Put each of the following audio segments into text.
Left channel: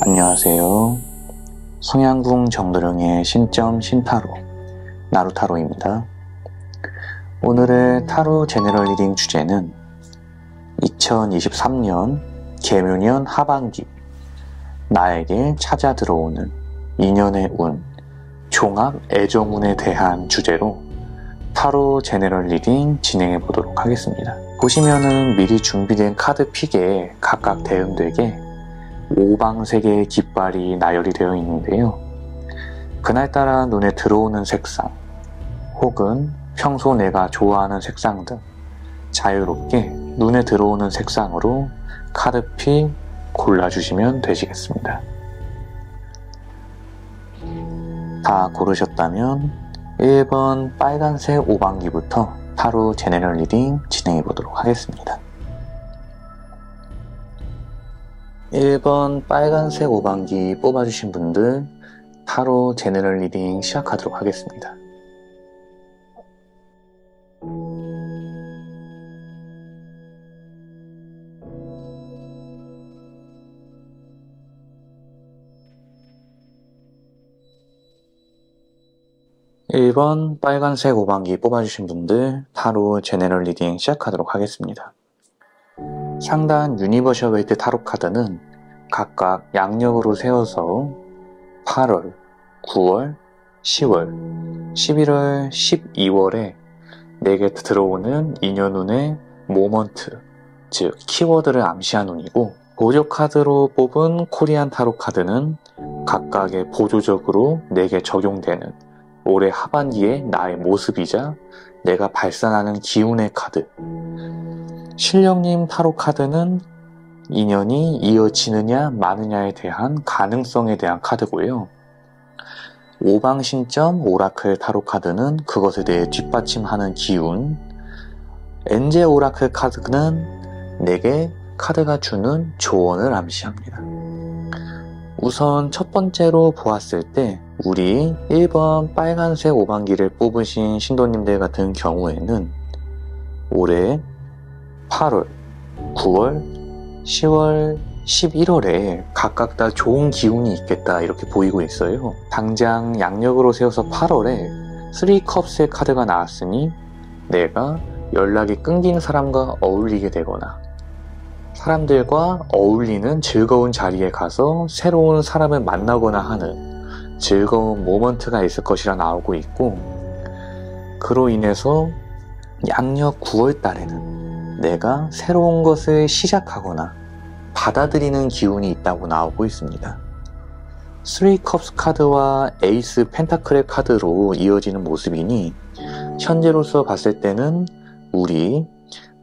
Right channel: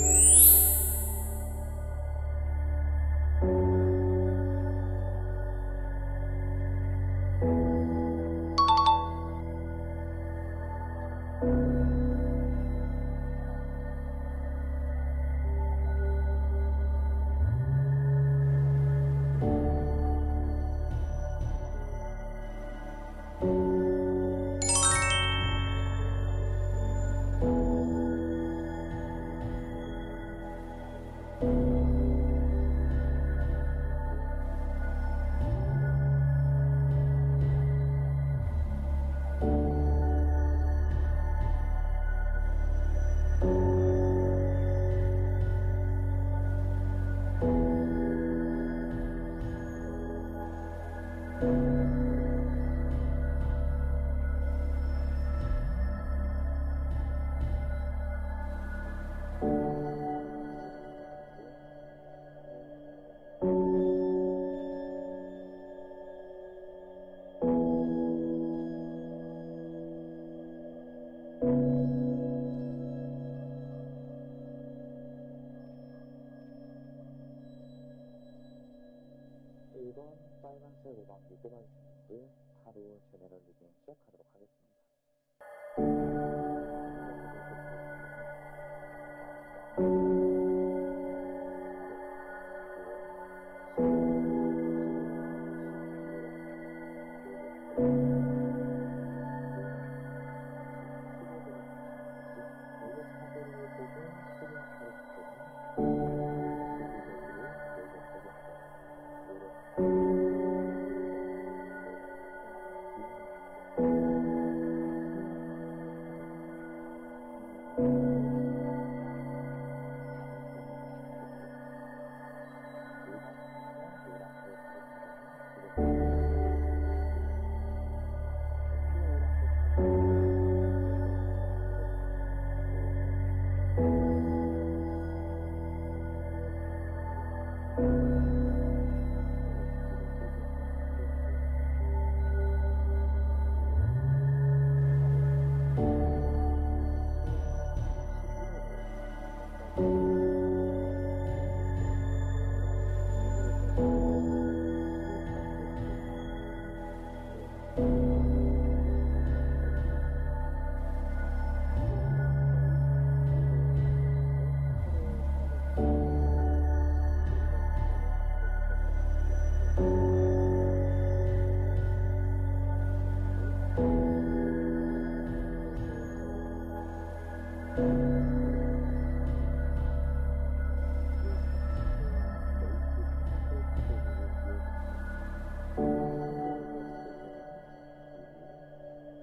안녕하세요. 성양궁 정도령의 신점 신타로 나루타로입니다. 오늘의 타로 제너럴 리딩 주제는 2023년 개묘년 하반기 나에게 찾아 들어오는 인연의 운, 종합 애정운에 대한 주제로 타로 제너럴 리딩 진행해 보도록 하겠습니다. 보시면은 미리 준비된 카드 픽에 각각 대응되게 오방색의 깃발이 나열이 되어 있는데요. 그날따라 눈에 들어오는 색상 혹은 평소 내가 좋아하는 색상 등 자유롭게 눈에 들어오는 색상으로 카드픽 골라주시면 되시겠습니다. 다 고르셨다면 1번 빨간색 오방기부터 타로 제너럴 리딩 진행해 보도록 하겠습니다. 1번 빨간색 오방기 뽑아주신 분들 타로 제너럴 리딩 시작하도록 하겠습니다. (1번) 빨간색 오방기 뽑아주신 분들 타로 제너럴 리딩 시작하도록 하겠습니다. 상단 유니버셜 웨이트 타로 카드는 각각 양력으로 세워서 8월, 9월, 10월, 11월, 12월에 내게 들어오는 인연운의 모먼트, 즉 키워드를 암시한 운이고, 보조 카드로 뽑은 코리안 타로 카드는 각각의 보조적으로 내게 적용되는 올해 하반기의 나의 모습이자 내가 발산하는 기운의 카드, 신령님 타로 카드는 인연이 이어지느냐 마느냐에 대한 가능성에 대한 카드고요. 오방신점 오라클 타로 카드는 그것에 대해 뒷받침하는 기운, 엔젤 오라클 카드는 내게 카드가 주는 조언을 암시합니다. 우선 첫 번째로 보았을 때 우리 1번 빨간색 오방기를 뽑으신 신도님들 같은 경우에는 올해 8월, 9월, 10월, 11월에 각각 다 좋은 기운이 있겠다 이렇게 보이고 있어요. 당장 양력으로 세워서 8월에 3컵스의 카드가 나왔으니 내가 연락이 끊긴 사람과 어울리게 되거나 사람들과 어울리는 즐거운 자리에 가서 새로운 사람을 만나거나 하는 즐거운 모먼트가 있을 것이라 나오고 있고, 그로 인해서 양력 9월 달에는 내가 새로운 것을 시작하거나 받아들이는 기운이 있다고 나오고 있습니다. 3컵스 카드와 에이스 펜타클의 카드로 이어지는 모습이니 현재로서 봤을 때는 우리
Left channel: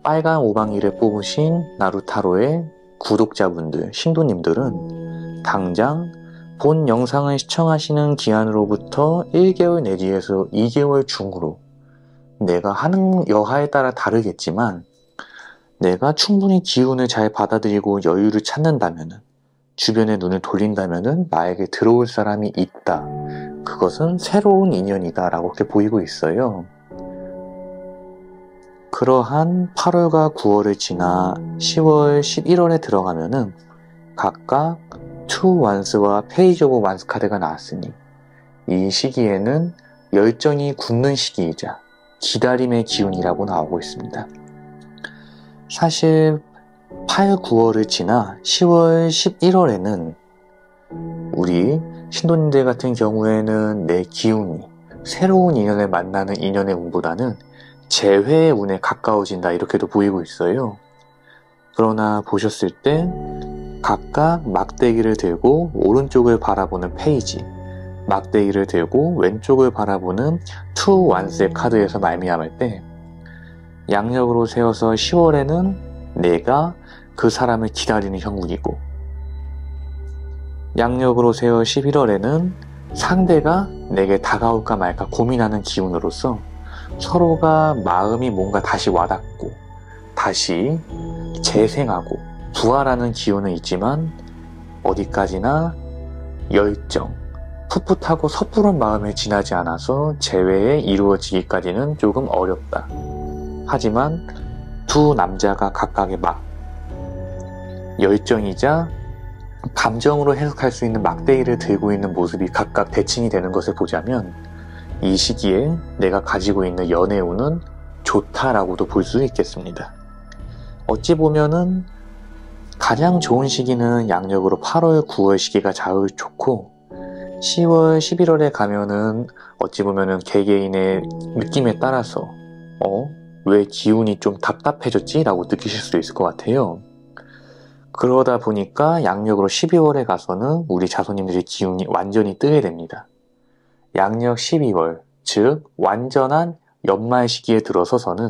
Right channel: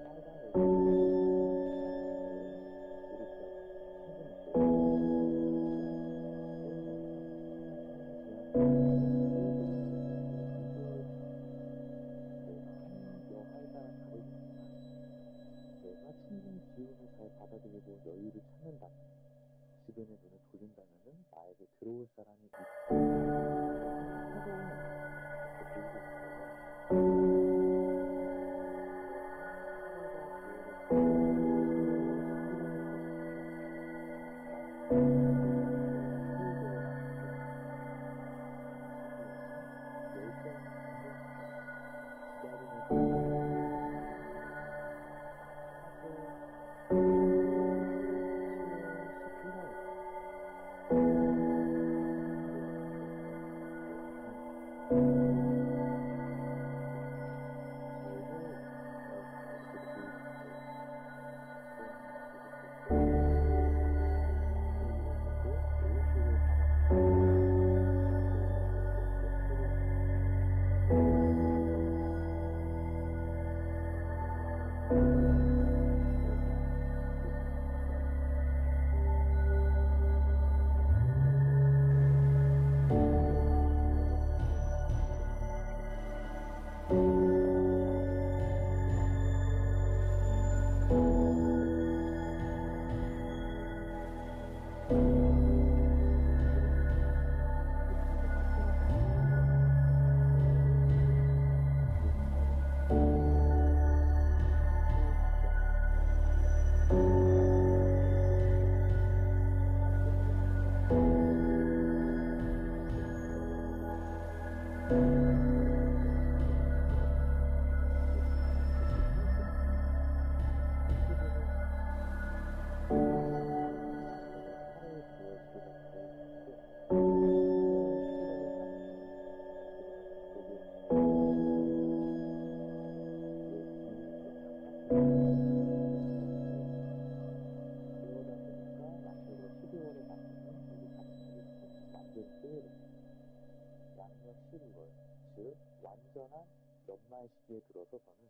빨간 오방이를 뽑으신 나루타로의 구독자분들, 신도님들은 당장 본 영상을 시청하시는 기한으로부터 1개월 내지에서 2개월 중으로 내가 하는 여하에 따라 다르겠지만 내가 충분히 기운을 잘 받아들이고 여유를 찾는다면, 주변에 눈을 돌린다면 나에게 들어올 사람이 있다. 그것은 새로운 인연이다 라고 이렇게 보이고 있어요. 그러한 8월과 9월을 지나 10월, 11월에 들어가면은 각각 투 완스와 페이지 오브 완스 카드가 나왔으니 이 시기에는 열정이 굳는 시기이자 기다림의 기운이라고 나오고 있습니다. 사실 8, 9월을 지나 10월, 11월에는 우리 신도님들 같은 경우에는 내 기운이 새로운 인연을 만나는 인연의 운보다는 재회의 운에 가까워진다 이렇게도 보이고 있어요. 그러나 보셨을 때 각각 막대기를 들고 오른쪽을 바라보는 페이지, 막대기를 들고 왼쪽을 바라보는 투 완스의 카드에서 말미암을 때 양력으로 세워서 10월에는 내가 그 사람을 기다리는 형국이고, 양력으로 세워 11월에는 상대가 내게 다가올까 말까 고민하는 기운으로서 서로가 마음이 뭔가 다시 와닿고 다시 재생하고 부활하는 기운은 있지만 어디까지나 열정, 풋풋하고 섣부른 마음에 지나지 않아서 재회에 이루어지기까지는 조금 어렵다. 하지만 두 남자가 각각의 열정이자 감정으로 해석할 수 있는 막대기를 들고 있는 모습이 각각 대칭이 되는 것을 보자면 이 시기에 내가 가지고 있는 연애운은 좋다라고도 볼 수 있겠습니다. 어찌 보면은 가장 좋은 시기는 양력으로 8월, 9월 시기가 제일 좋고 10월, 11월에 가면은 어찌 보면은 개개인의 느낌에 따라서 왜 기운이 좀 답답해졌지? 라고 느끼실 수도 있을 것 같아요. 그러다 보니까 양력으로 12월에 가서는 우리 자손님들의 기운이 완전히 뜨게 됩니다. 양력 12월, 즉 완전한 연말 시기에 들어서서는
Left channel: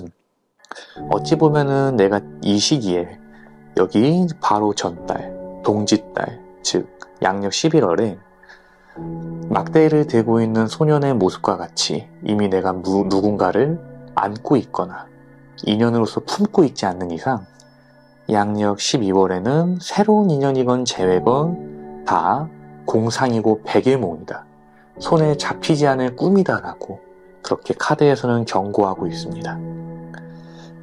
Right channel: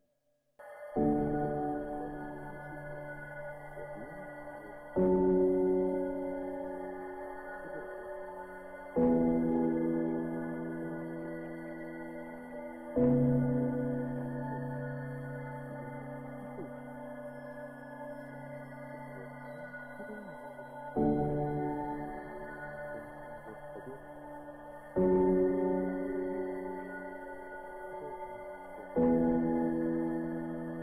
어찌 보면은 내가 이 시기에 여기 바로 전달, 동짓달, 즉 양력 11월에 막대기를 들고 있는 소년의 모습과 같이 이미 내가 누군가를 안고 있거나 인연으로서 품고 있지 않는 이상 양력 12월에는 새로운 인연이건 재회건 다 공상이고 백일몽이다. 손에 잡히지 않을 꿈이다 라고 그렇게 카드에서는 경고하고 있습니다.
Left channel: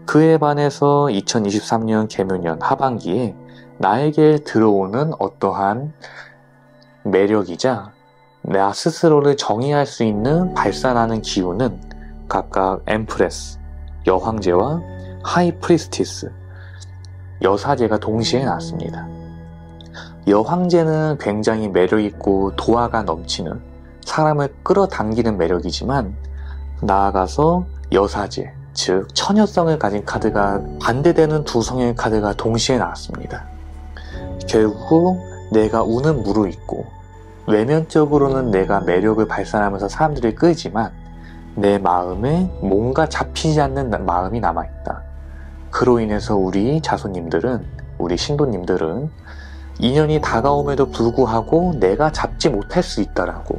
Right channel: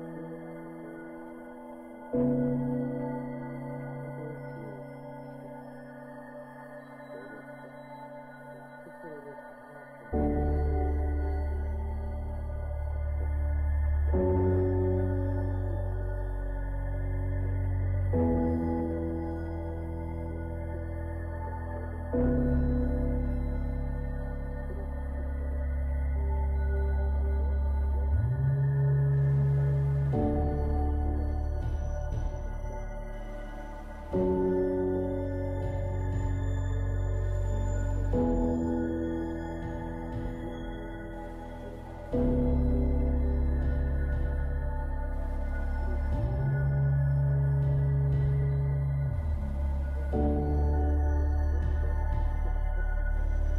그에 반해서 2023년 개묘년 하반기에 나에게 들어오는 어떠한 매력이자 나 스스로를 정의할 수 있는 발산하는 기운은 각각 엠프레스, 여황제와 하이프리스티스, 여사제가 동시에 나왔습니다. 여황제는 굉장히 매력있고 도화가 넘치는 사람을 끌어당기는 매력이지만 나아가서 여사제, 즉 처녀성을 가진 카드가 반대되는 두 성의 카드가 동시에 나왔습니다. 결국 내가 운은 무르익고 외면적으로는 내가 매력을 발산하면서 사람들을 끌지만 내 마음에 뭔가 잡히지 않는 마음이 남아있다. 그로 인해서 우리 자손님들은, 우리 신도님들은 인연이 다가옴에도 불구하고 내가 잡지 못할 수 있다라고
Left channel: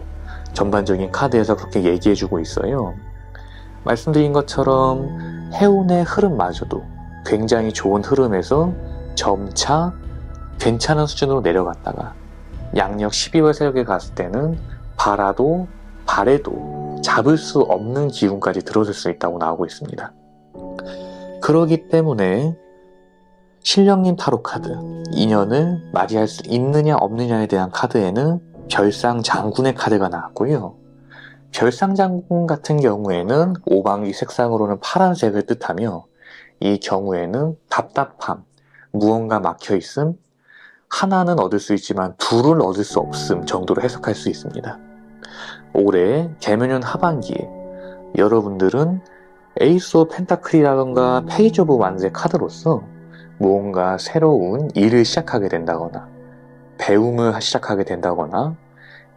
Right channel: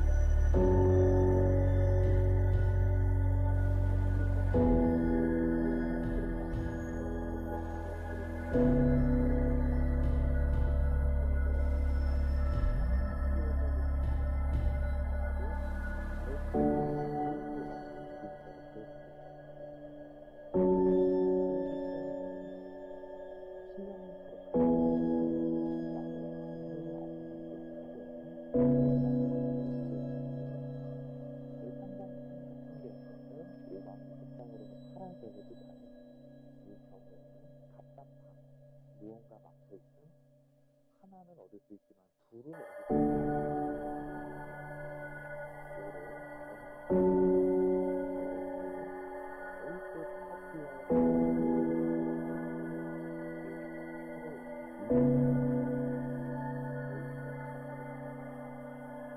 전반적인 카드에서 그렇게 얘기해주고 있어요. 말씀드린 것처럼 해운의 흐름마저도 굉장히 좋은 흐름에서 점차 괜찮은 수준으로 내려갔다가 양력 12월 세력에 갔을 때는 바래도 잡을 수 없는 기운까지 들어설 수 있다고 나오고 있습니다. 그러기 때문에 신령님 타로 카드, 인연을 맞이할 수 있느냐 없느냐에 대한 카드에는 별상 장군의 카드가 나왔고요. 별상 장군 같은 경우에는 오방기 색상으로는 파란색을 뜻하며 이 경우에는 답답함, 무언가 막혀있음, 하나는 얻을 수 있지만 둘을 얻을 수 없음 정도로 해석할 수 있습니다. 올해 개묘년 하반기에 여러분들은 에이스 오브 펜타클이라던가 페이지 오브 완스의 카드로서 무언가 새로운 일을 시작하게 된다거나 배움을 시작하게 된다거나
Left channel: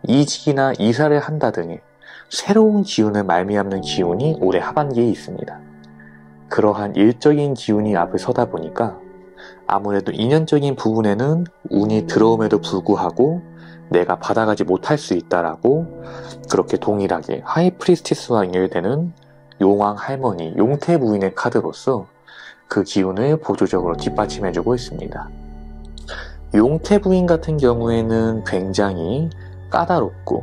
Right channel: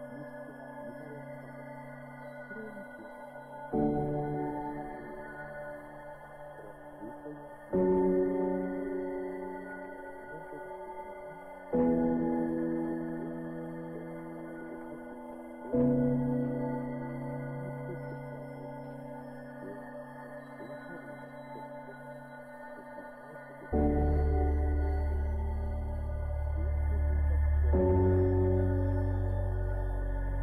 이직이나 이사를 한다더니 새로운 기운을 말미암는 기운이 올해 하반기에 있습니다. 그러한 일적인 기운이 앞에 서다 보니까 아무래도 인연적인 부분에는 운이 들어옴에도 불구하고 내가 받아가지 못할 수 있다라고 그렇게 동일하게 하이프리스티스와 연결되는 용왕 할머니, 용태 부인의 카드로서 그 기운을 보조적으로 뒷받침해주고 있습니다. 용태 부인 같은 경우에는 굉장히 까다롭고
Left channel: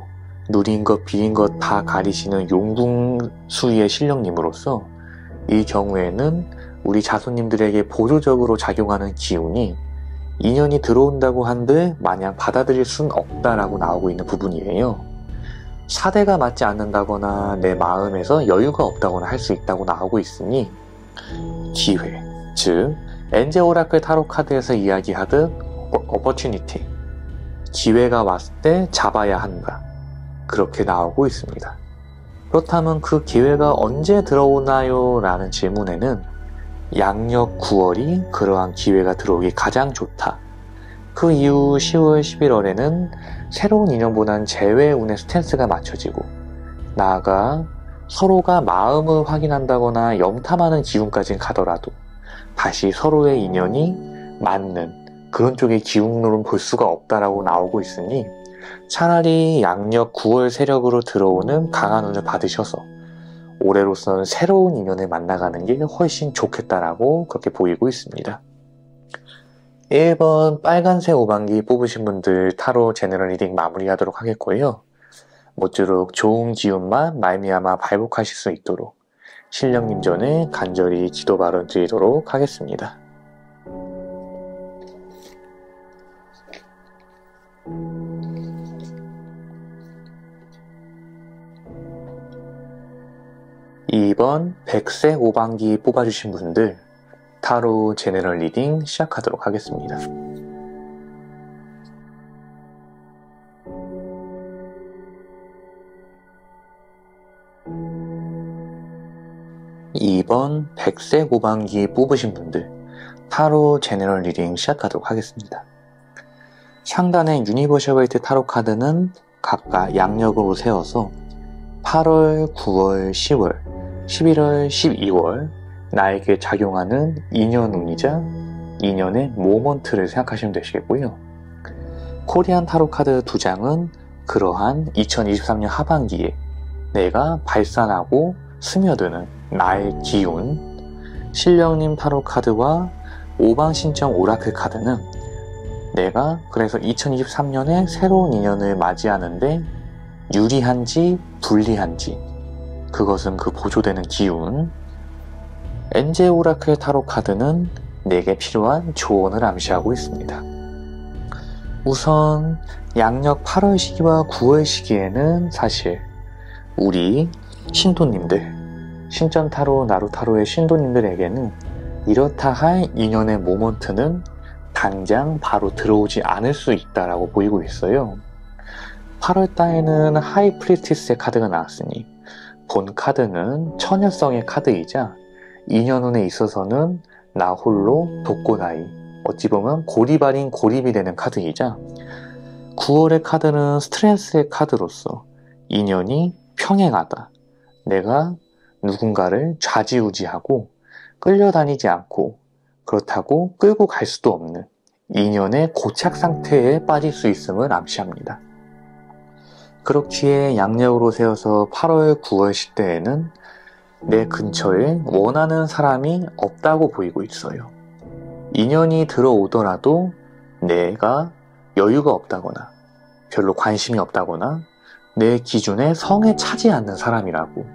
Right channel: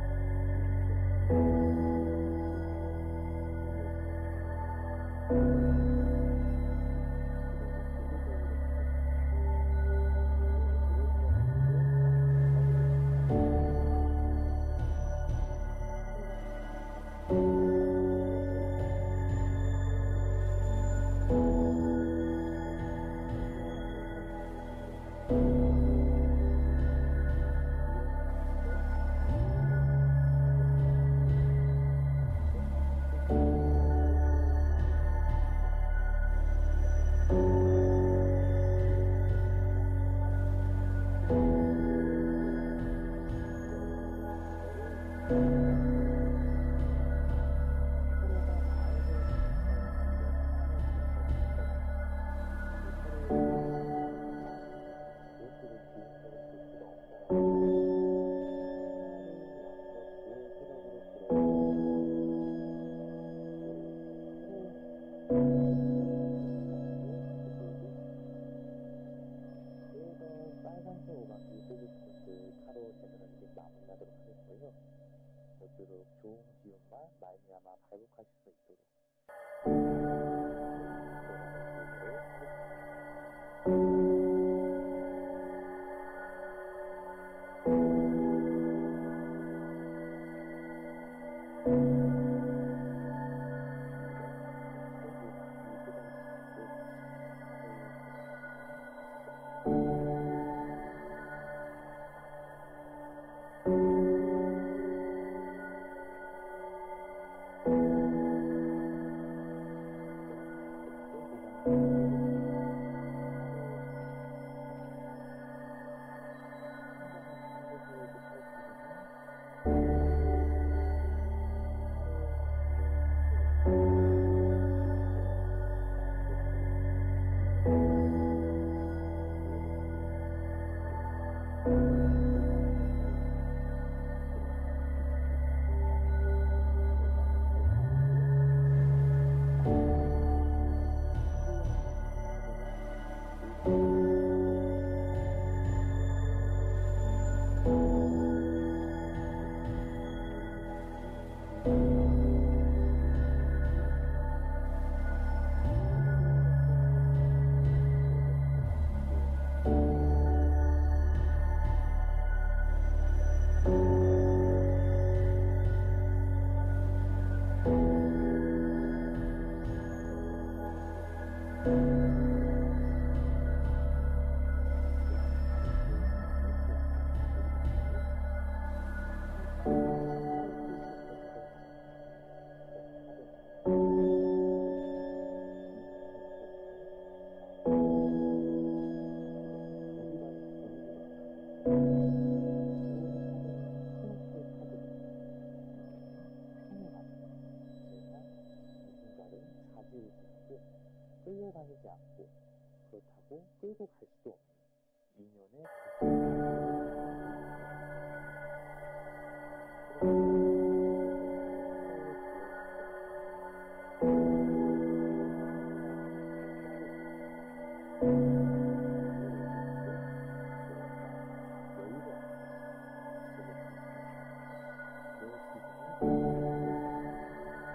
누린 것 비린 것 다 가리시는 용궁수의 신령님으로서 이 경우에는 우리 자손님들에게 보조적으로 작용하는 기운이 인연이 들어온다고 한들 마냥 받아들일 순 없다라고 나오고 있는 부분이에요. 사대가 맞지 않는다거나 내 마음에서 여유가 없다거나 할 수 있다고 나오고 있으니 기회, 즉 엔젤 오라클 타로 카드에서 이야기하듯 opportunity, 기회가 왔을 때 잡아야 한다, 그렇게 나오고 있습니다. 그렇다면 그 기회가 언제 들어오나요? 라는 질문에는 양력 9월이 그러한 기회가 들어오기 가장 좋다. 그 이후 10월, 11월에는 새로운 인연보다는 재회의 운의 스탠스가 맞춰지고, 나아가 서로가 마음을 확인한다거나 염탐하는 기운까지는 가더라도 다시 서로의 인연이 맞는 그런 쪽의 기운으로는 볼 수가 없다라고 나오고 있으니, 차라리 양력 9월 세력으로 들어오는 강한 운을 받으셔서 올해로서는 새로운 인연을 만나가는 게 훨씬 좋겠다라고 그렇게 보이고 있습니다. 1번 빨간색 오방기 뽑으신 분들 타로 제너럴 리딩 마무리하도록 하겠고요. 모쪼록 좋은 기운만 말미암아 발복하실 수 있도록 신령님 전에 간절히 기도 발언 드리도록 하겠습니다. (2번) 백색 오방기 뽑아주신 분들 타로 제너럴 리딩 시작하도록 하겠습니다. (2번) 백색 오방기 뽑으신 분들 타로 제너럴 리딩 시작하도록 하겠습니다. 상단의 유니버셜 웨이트 타로 카드는 각각 양력으로 세워서 8월, 9월, 10월, 11월, 12월 나에게 작용하는 인연운이자 인연의 모먼트를 생각하시면 되시겠고요. 코리안 타로 카드 2장은 그러한 2023년 하반기에 내가 발산하고 스며드는 나의 기운, 신령님 타로 카드와 오방신청 오라클 카드는 내가 그래서 2023년에 새로운 인연을 맞이하는데 유리한지 불리한지, 그것은 그 보조되는 기운, 엔젤 오라클 타로 카드는 내게 필요한 조언을 암시하고 있습니다. 우선 양력 8월 시기와 9월 시기에는 사실 우리 신도님들, 신전타로, 나루타로의 신도님들에게는 이렇다 할 인연의 모먼트는 당장 바로 들어오지 않을 수 있다라고 보이고 있어요. 8월달에는 하이 프리티스의 카드가 나왔으니 본 카드는 처녀성의 카드이자 인연운에 있어서는 나 홀로 독고다이, 어찌 보면 고립 아닌 고립이 되는 카드이자 9월의 카드는 스트레스의 카드로서 인연이 평행하다, 내가 누군가를 좌지우지하고 끌려다니지 않고 그렇다고 끌고 갈 수도 없는 인연의 고착 상태에 빠질 수 있음을 암시합니다. 그렇기에 양력으로 세워서 8월, 9월 시대에는 내 근처에 원하는 사람이 없다고 보이고 있어요. 인연이 들어오더라도 내가 여유가 없다거나 별로 관심이 없다거나 내 기준에 성에 차지 않는 사람이라고,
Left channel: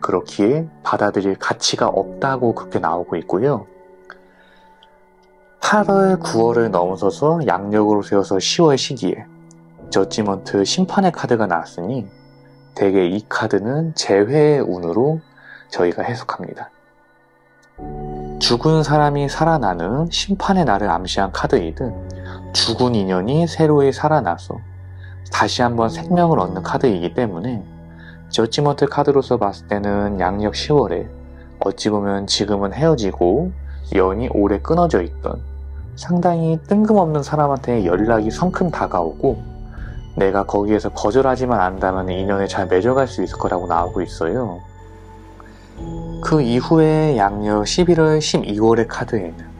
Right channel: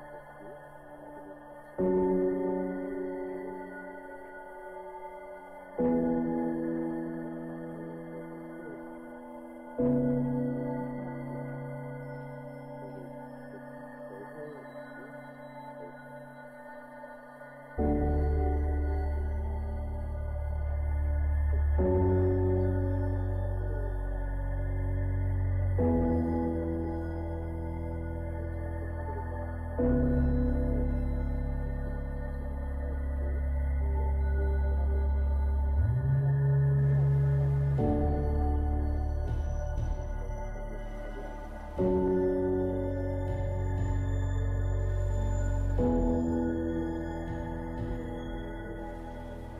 그렇기에 받아들일 가치가 없다고 그렇게 나오고 있고요. 8월, 9월을 넘어서서 양력으로 세워서 10월 시기에 저지먼트 심판의 카드가 나왔으니 대개 이 카드는 재회의 운으로 저희가 해석합니다. 죽은 사람이 살아나는 심판의 날을 암시한 카드이듯 죽은 인연이 새로이 살아나서 다시 한번 생명을 얻는 카드이기 때문에 저지먼트 카드로서 봤을 때는 양력 10월에 어찌 보면 지금은 헤어지고 연이 오래 끊어져 있던 상당히 뜬금없는 사람한테 연락이 성큼 다가오고 내가 거기에서 거절하지만 않는다면 인연에 잘 맺어갈 수 있을 거라고 나오고 있어요. 그 이후에 양력 11월, 12월의 카드에는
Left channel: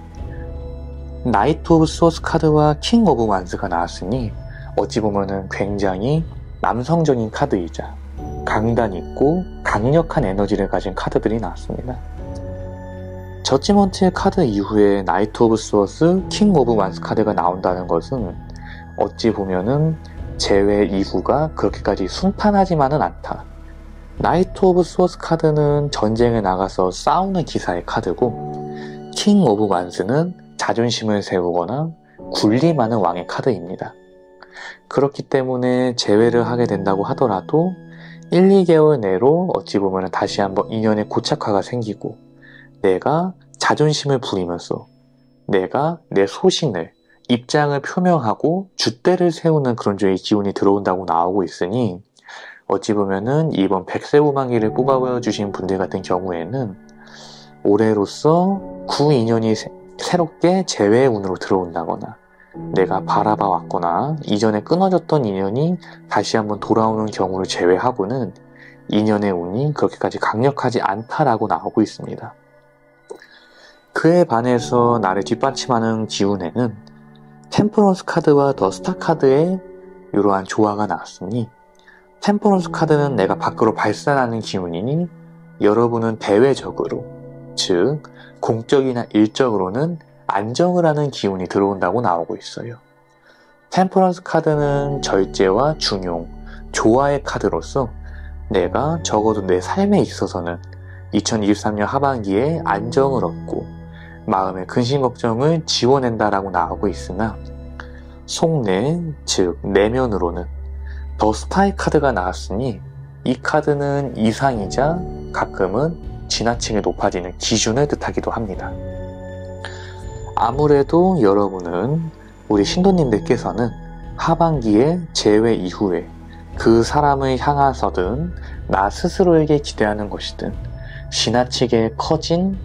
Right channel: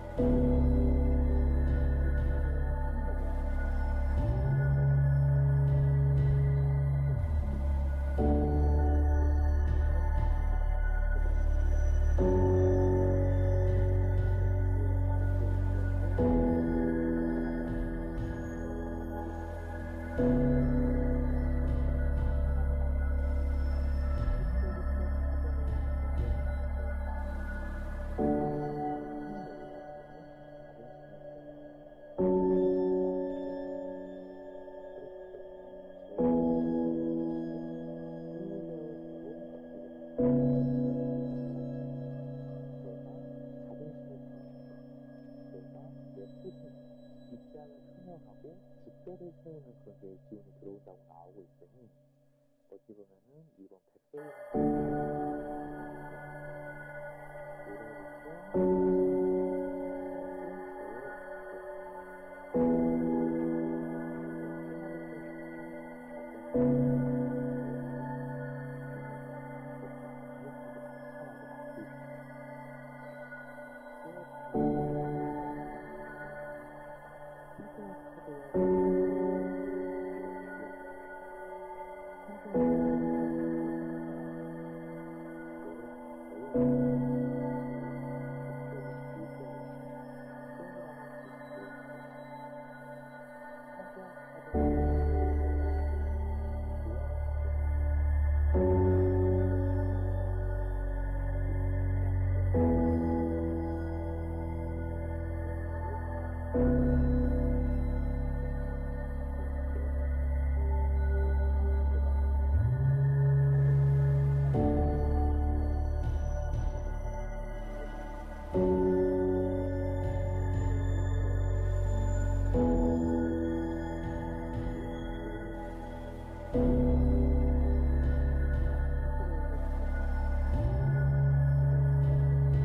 나이트 오브 소스 카드와 킹 오브 완스가 나왔으니 어찌 보면은 굉장히 남성적인 카드이자 강단 있고 강력한 에너지를 가진 카드들이 나왔습니다. 저지먼트의 카드 이후에 나이트 오브 소스, 킹 오브 완스 카드가 나온다는 것은 어찌 보면은 재회 이후가 그렇게까지 순탄하지만은 않다. 나이트 오브 소스 카드는 전쟁에 나가서 싸우는 기사의 카드고, 킹 오브 완스는 자존심을 세우거나 군림하는 왕의 카드입니다. 그렇기 때문에 재회를 하게 된다고 하더라도 1, 2개월 내로 어찌 보면 다시 한번 인연의 고착화가 생기고 내가 자존심을 부리면서 내가 내 소신을, 입장을 표명하고 줏대를 세우는 그런 쪽의 기운이 들어온다고 나오고 있으니 어찌 보면은 이번 백세 오망기를 뽑아주신 분들 같은 경우에는 올해로서 구 인연이 새롭게 재회의 운으로 들어온다거나 내가 바라봐 왔거나 이전에 끊어졌던 인연이 다시 한번 돌아오는 경우를 제외하고는 인연의 운이 그렇게까지 강력하지 않다라고 나오고 있습니다. 그에 반해서 나를 뒷받침하는 기운에는 템퍼런스 카드와 더 스타 카드의 이러한 조화가 나왔으니, 템퍼런스 카드는 내가 밖으로 발산하는 기운이니 여러분은 대외적으로, 즉 공적이나 일적으로는 안정을 하는 기운이 들어온다고 나오고 있어요. 템퍼런스 카드는 절제와 중용, 조화의 카드로서 내가 적어도 내 삶에 있어서는 2023년 하반기에 안정을 얻고 마음의 근심 걱정을 지워낸다라고 나오고 있으나, 속내, 즉 내면으로는 더 스타의 카드가 나왔으니 이 카드는 이상이자 가끔은 지나치게 높아지는 기준을 뜻하기도 합니다. 아무래도 여러분은, 우리 신도님들께서는 하반기에 재회 이후에 그 사람을 향해서든 나 스스로에게 기대하는 것이든 지나치게 커진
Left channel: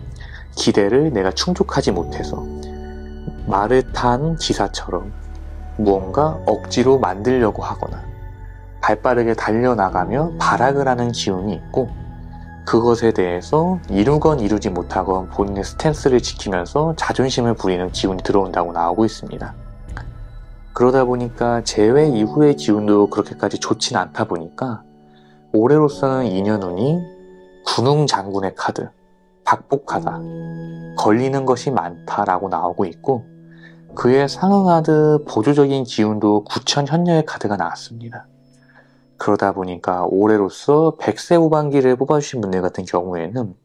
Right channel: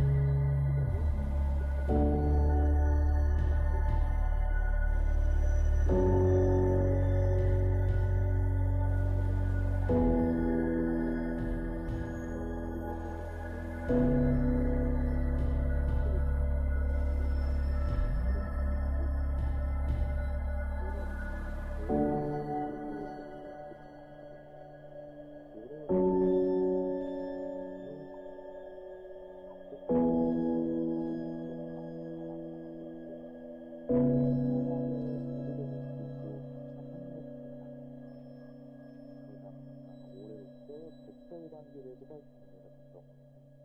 기대를 내가 충족하지 못해서 말을 탄 기사처럼 무언가 억지로 만들려고 하거나 발빠르게 달려나가며 발악을 하는 기운이 있고, 그것에 대해서 이루건 이루지 못하건 본인의 스탠스를 지키면서 자존심을 부리는 기운이 들어온다고 나오고 있습니다. 그러다 보니까 재회 이후의 기운도 그렇게까지 좋진 않다 보니까 올해로서는 인연운이 군웅장군의 카드, 박복하다, 걸리는 것이 많다라고 나오고 있고, 그에 상응하듯 보조적인 기운도 구천현녀의 카드가 나왔습니다. 그러다 보니까 올해로서 백세 후반기를 뽑아주신 분들 같은 경우에는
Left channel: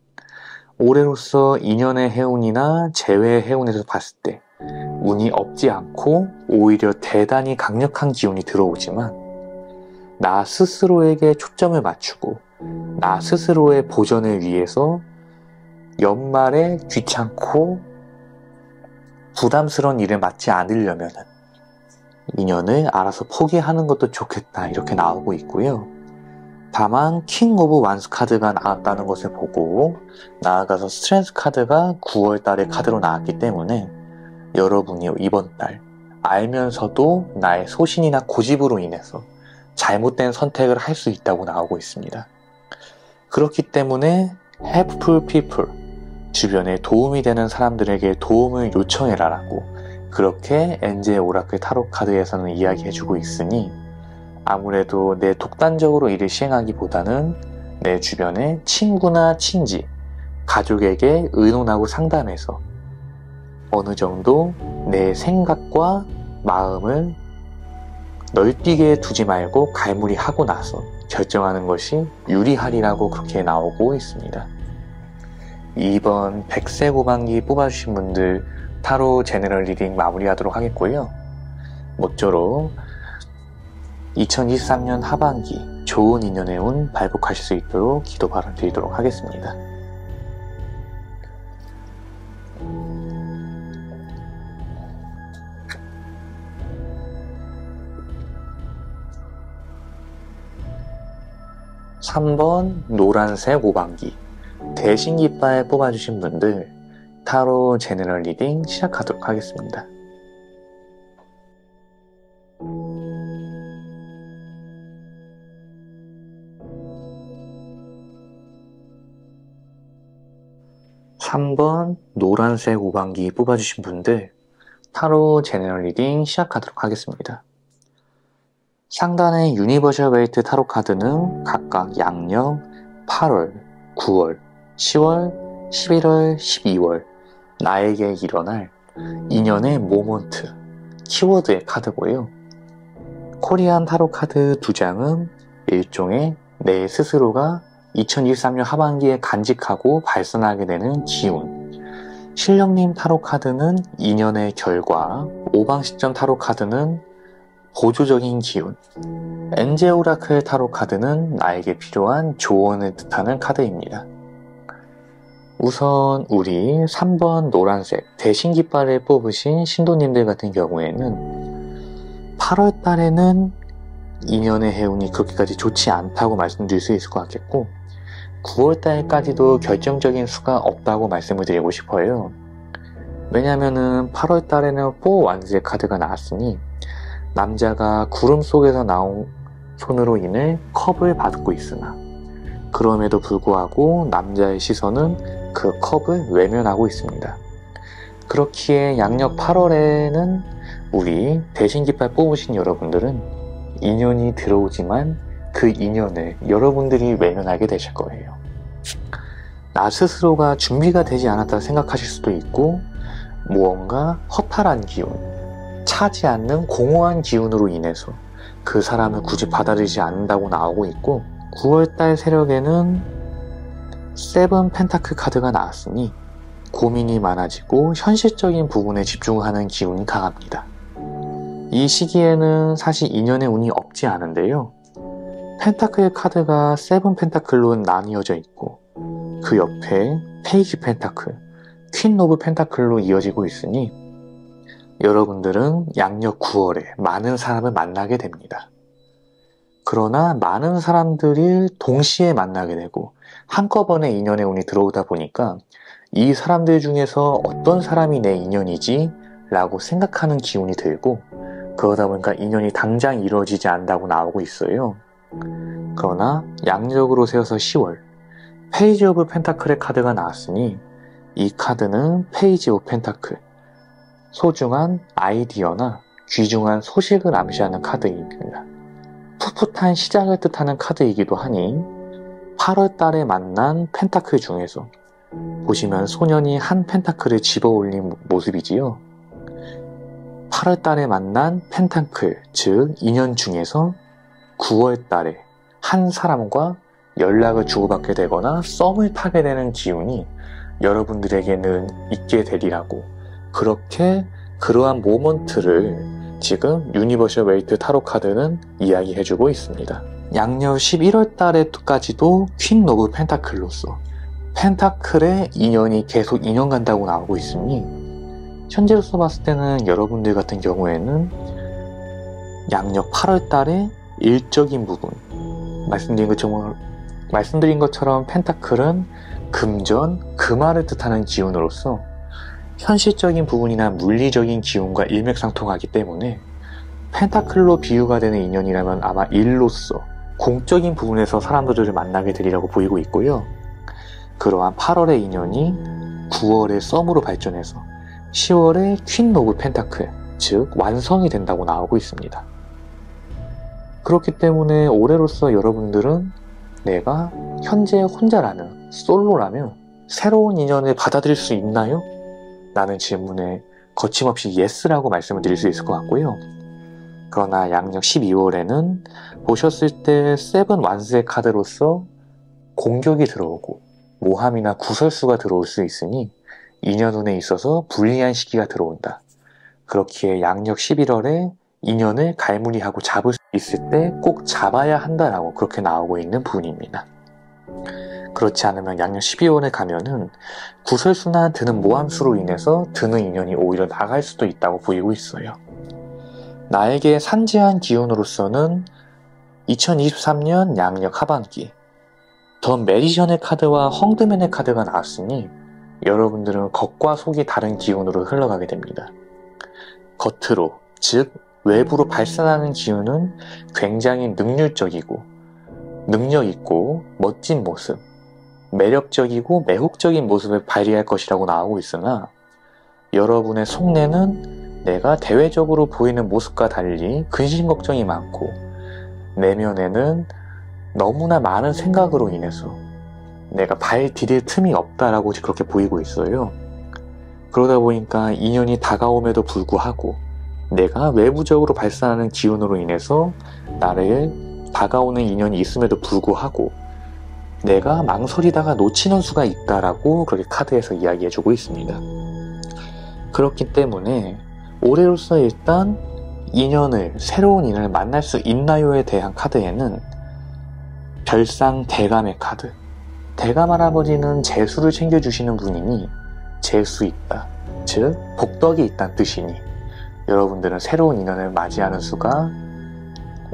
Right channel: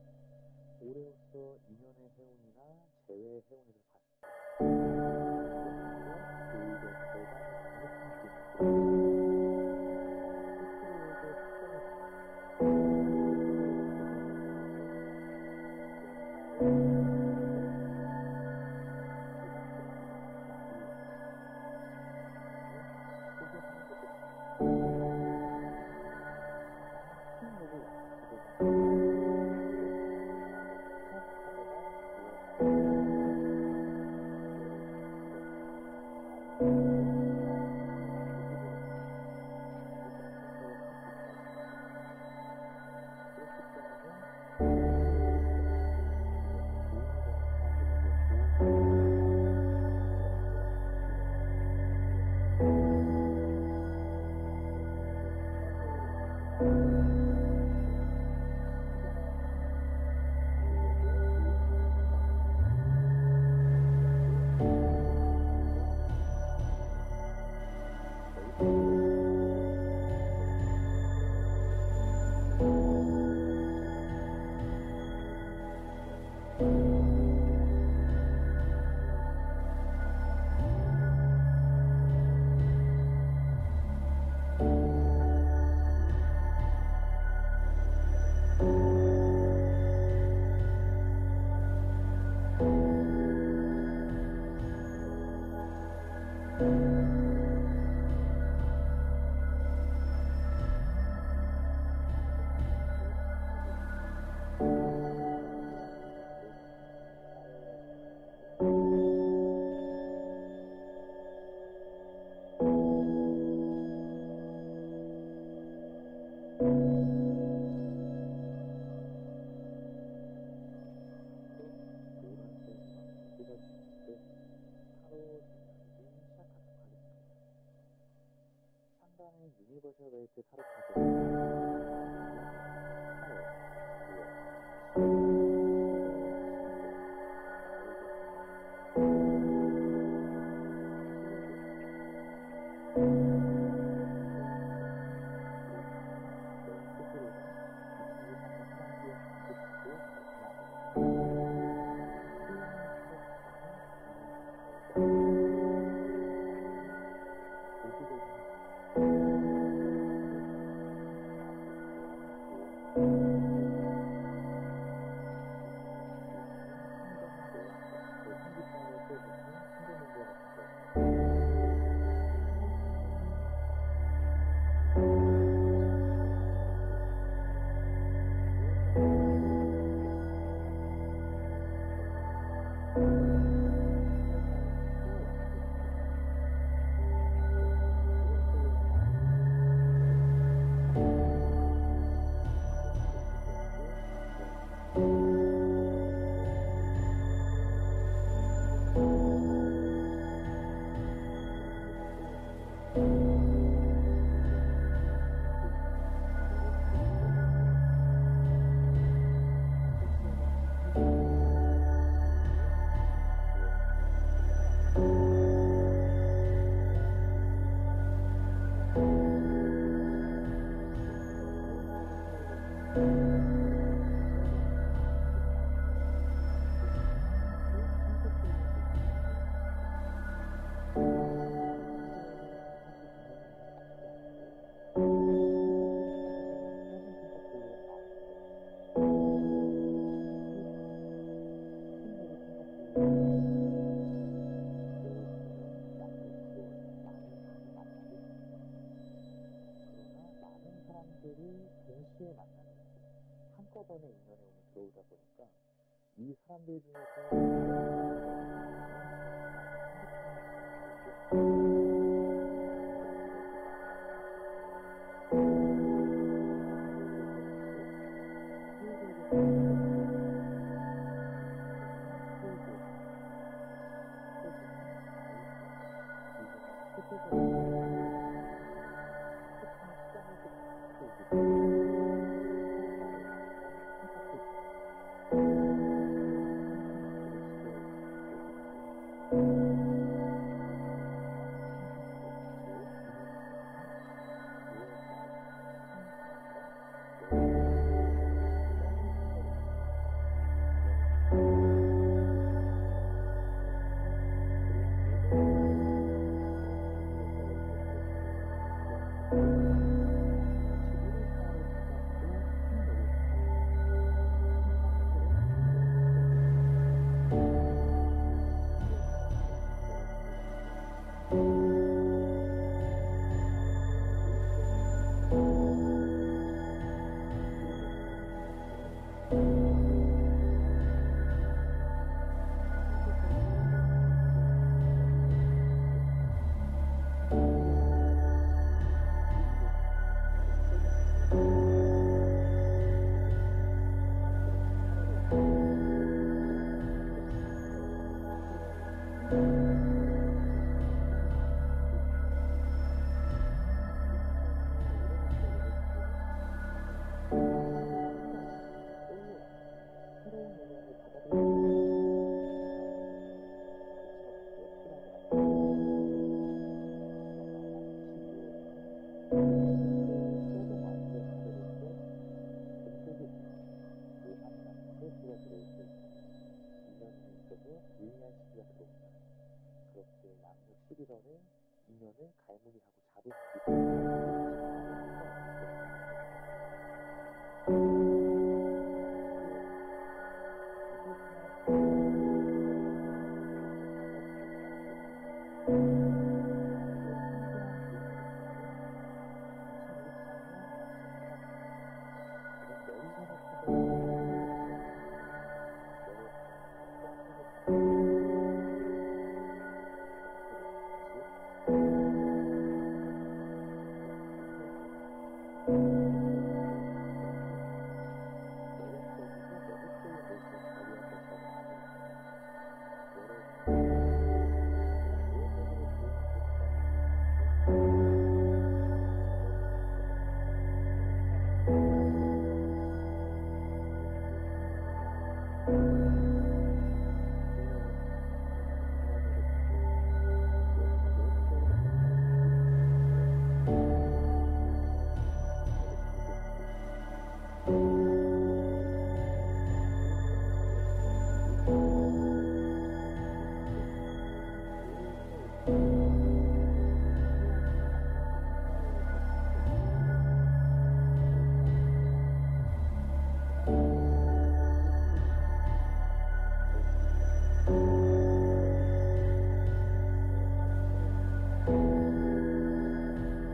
올해로서 인연의 해운이나 재회의 해운에서 봤을 때 운이 없지 않고 오히려 대단히 강력한 기운이 들어오지만, 나 스스로에게 초점을 맞추고 나 스스로의 보전을 위해서 연말에 귀찮고 부담스러운 일을 맡지 않으려면 인연을 알아서 포기하는 것도 좋겠다, 이렇게 나오고 있고요. 다만 킹 오브 완스 카드가 나왔다는 것을 보고 나아가서 스트렝스 카드가 9월 달에 카드로 나왔기 때문에 여러분이 이번 달 알면서도 나의 소신이나 고집으로 인해서 잘못된 선택을 할 수 있다고 나오고 있습니다. 그렇기 때문에 helpful people, 주변에 도움이 되는 사람들에게 도움을 요청해라라고 그렇게 엔젤 오라클 타로 카드에서는 이야기해주고 있으니, 아무래도 내 독단적으로 일을 시행하기보다는 내 주변에 친구나 친지, 가족에게 의논하고 상담해서 어느 정도 내 생각과 마음을 널뛰게 두지 말고 갈무리하고 나서 결정하는 것이 유리하리라고 그렇게 나오고 있습니다. 이번 백세 후반기 뽑아주신 분들 타로 제너럴 리딩 마무리하도록 하겠고요. 모쪼록 2023년 하반기 좋은 인연의 운 발복하실 수 있도록 기도 바람 드리도록 하겠습니다. (3번) 노란색 오방기 대신깃발 뽑아주신 분들 타로 제너럴 리딩 시작하도록 하겠습니다. (3번) 노란색 오방기 뽑아주신 분들 타로 제너럴 리딩 시작하도록 하겠습니다. 상단의 유니버셜 웨이트 타로 카드는 각각 양력, 8월, 9월, 10월, 11월, 12월 나에게 일어날 인연의 모먼트, 키워드의 카드고요. 코리안 타로 카드 2장은 일종의 내 스스로가 2023년 하반기에 간직하고 발산하게 되는 기운, 신령님 타로 카드는 인연의 결과, 오방식전 타로 카드는 보조적인 기운, 엔젤 오라클 타로 카드는 나에게 필요한 조언을 뜻하는 카드입니다. 우선 우리 3번 노란색 대신깃발을 뽑으신 신도님들 같은 경우에는 8월 달에는 인연의 해운이 그렇게까지 좋지 않다고 말씀드릴 수 있을 것 같겠고, 9월달까지도 결정적인 수가 없다고 말씀을 드리고 싶어요. 왜냐면은 8월달에는 4 완즈의 카드가 나왔으니 남자가 구름 속에서 나온 손으로 인해 컵을 받고 있으나 그럼에도 불구하고 남자의 시선은 그 컵을 외면하고 있습니다. 그렇기에 양력 8월에는 우리 대신 깃발 뽑으신 여러분들은 인연이 들어오지만 그 인연을 여러분들이 외면하게 되실 거예요. 나 스스로가 준비가 되지 않았다 생각하실 수도 있고 무언가 허탈한 기운, 차지 않는 공허한 기운으로 인해서 그 사람을 굳이 받아들이지 않는다고 나오고 있고 9월달 세력에는 7 펜타클 카드가 나왔으니 고민이 많아지고 현실적인 부분에 집중하는 기운이 강합니다. 이 시기에는 사실 인연의 운이 없지 않은데요. 펜타클 카드가 7 펜타클로 나뉘어져 있고 그 옆에 페이지 펜타클, 퀸 오브 펜타클로 이어지고 있으니 여러분들은 양력 9월에 많은 사람을 만나게 됩니다. 그러나 많은 사람들이 동시에 만나게 되고 한꺼번에 인연의 운이 들어오다 보니까 이 사람들 중에서 어떤 사람이 내 인연이지? 라고 생각하는 기운이 들고 그러다 보니까 인연이 당장 이루어지지 않는다고 나오고 있어요. 그러나 양력으로 세워서 10월 페이지 오브 펜타클의 카드가 나왔으니 이 카드는 페이지 오브 펜타클, 소중한 아이디어나 귀중한 소식을 암시하는 카드입니다. 풋풋한 시작을 뜻하는 카드이기도 하니 8월 달에 만난 펜타클 중에서 보시면 소년이 한 펜타클을 집어 올린 모습이지요. 8월 달에 만난 펜타클, 즉 인연 중에서 9월 달에 한 사람과 연락을 주고받게 되거나 썸을 타게 되는 기운이 여러분들에게는 있게 되리라고 그렇게 그러한 모먼트를 지금 유니버셜 웨이트 타로 카드는 이야기해주고 있습니다. 양력 11월 달에까지도 퀸 오브 펜타클로서 펜타클의 인연이 계속 인연 간다고 나오고 있으니 현재로서 봤을 때는 여러분들 같은 경우에는 양력 8월 달에 일적인 부분 말씀드린 것처럼 펜타클은 금전, 금화를 뜻하는 기운으로서 현실적인 부분이나 물리적인 기운과 일맥상통하기 때문에 펜타클로 비유가 되는 인연이라면 아마 일로서 공적인 부분에서 사람들을 만나게 되리라고 보이고 있고요. 그러한 8월의 인연이 9월의 썸으로 발전해서 10월의 퀸 오브 펜타클, 즉 완성이 된다고 나오고 있습니다. 그렇기 때문에 올해로서 여러분들은 내가 현재 혼자라면, 솔로라면 새로운 인연을 받아들일 수 있나요? 라는 질문에 거침없이 예스라고 말씀을 드릴 수 있을 것 같고요. 그러나 양력 12월에는 보셨을 때 7 완스의 카드로서 공격이 들어오고 모함이나 구설수가 들어올 수 있으니 인연운에 있어서 불리한 시기가 들어온다. 그렇기에 양력 11월에 인연을 갈무리하고 잡을 수 있을 때 꼭 잡아야 한다라고 그렇게 나오고 있는 부분입니다. 그렇지 않으면 양력 12월에 가면은 구설수나 드는 모함수로 인해서 드는 인연이 오히려 나갈 수도 있다고 보이고 있어요. 나에게 산재한 기운으로서는 2023년 양력 하반기 더 매지션의 카드와 헝드맨의 카드가 나왔으니 여러분들은 겉과 속이 다른 기운으로 흘러가게 됩니다. 겉으로, 즉 외부로 발산하는 기운은 굉장히 능률적이고 능력있고 멋진 모습, 매력적이고 매혹적인 모습을 발휘할 것이라고 나오고 있으나 여러분의 속내는 내가 대외적으로 보이는 모습과 달리 근심 걱정이 많고 내면에는 너무나 많은 생각으로 인해서 내가 발 디딜 틈이 없다라고 그렇게 보이고 있어요. 그러다 보니까 인연이 다가옴에도 불구하고 내가 외부적으로 발산하는 기운으로 인해서 나를 다가오는 인연이 있음에도 불구하고 내가 망설이다가 놓치는 수가 있다라고 그렇게 카드에서 이야기해주고 있습니다. 그렇기 때문에 올해로서 일단 새로운 인연을 만날 수 있나요에 대한 카드에는 별상 대감의 카드, 대감 할아버지는 재수를 챙겨주시는 분이니 재수 있다, 즉 복덕이 있다는 뜻이니 여러분들은 새로운 인연을 맞이하는 수가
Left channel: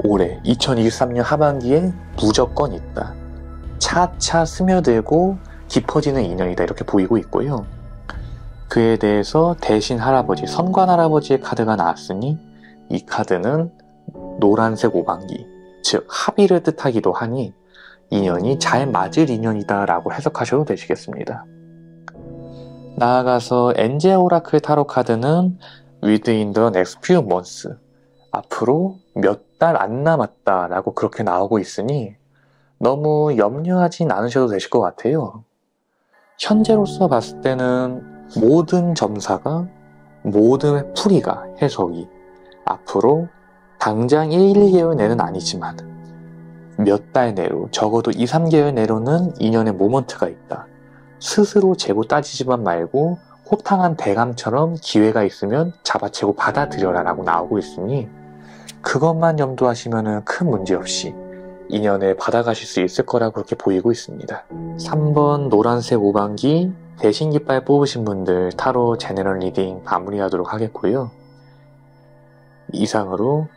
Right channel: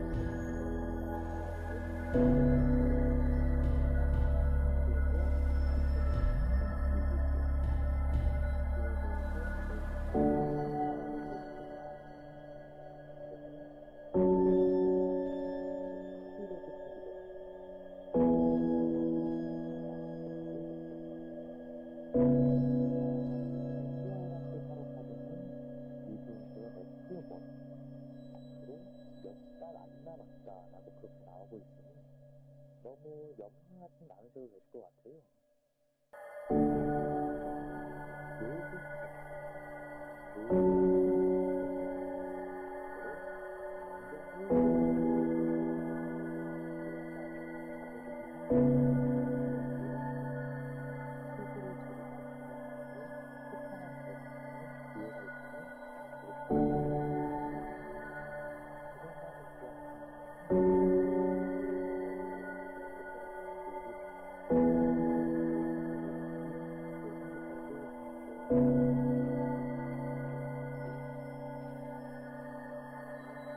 올해 2023년 하반기에 무조건 있다. 차차 스며들고 깊어지는 인연이다 이렇게 보이고 있고요. 그에 대해서 대신 할아버지, 선관 할아버지의 카드가 나왔으니 이 카드는 노란색 오방기, 즉 합의를 뜻하기도 하니 인연이 잘 맞을 인연이다 라고 해석하셔도 되시겠습니다. 나아가서 엔젤 오라클 타로 카드는 Within the next few months, 앞으로 몇 달 안 남았다 라고 그렇게 나오고 있으니 너무 염려하진 않으셔도 되실 것 같아요. 현재로서 봤을 때는 모든 점사가, 모든 풀이가, 해석이 앞으로 당장 1, 2개월 내는 아니지만 몇 달 내로, 적어도 2, 3개월 내로는 인연의 모먼트가 있다. 스스로 재고 따지지만 말고 호탕한 대감처럼 기회가 있으면 잡아채고 받아들여라 라고 나오고 있으니 그것만 염두하시면 큰 문제 없이 인연을 받아가실 수 있을 거라고 그렇게 보이고 있습니다. 3번 노란색 오방기 대신 깃발 뽑으신 분들 타로 제너럴 리딩 마무리하도록 하겠고요. 이상으로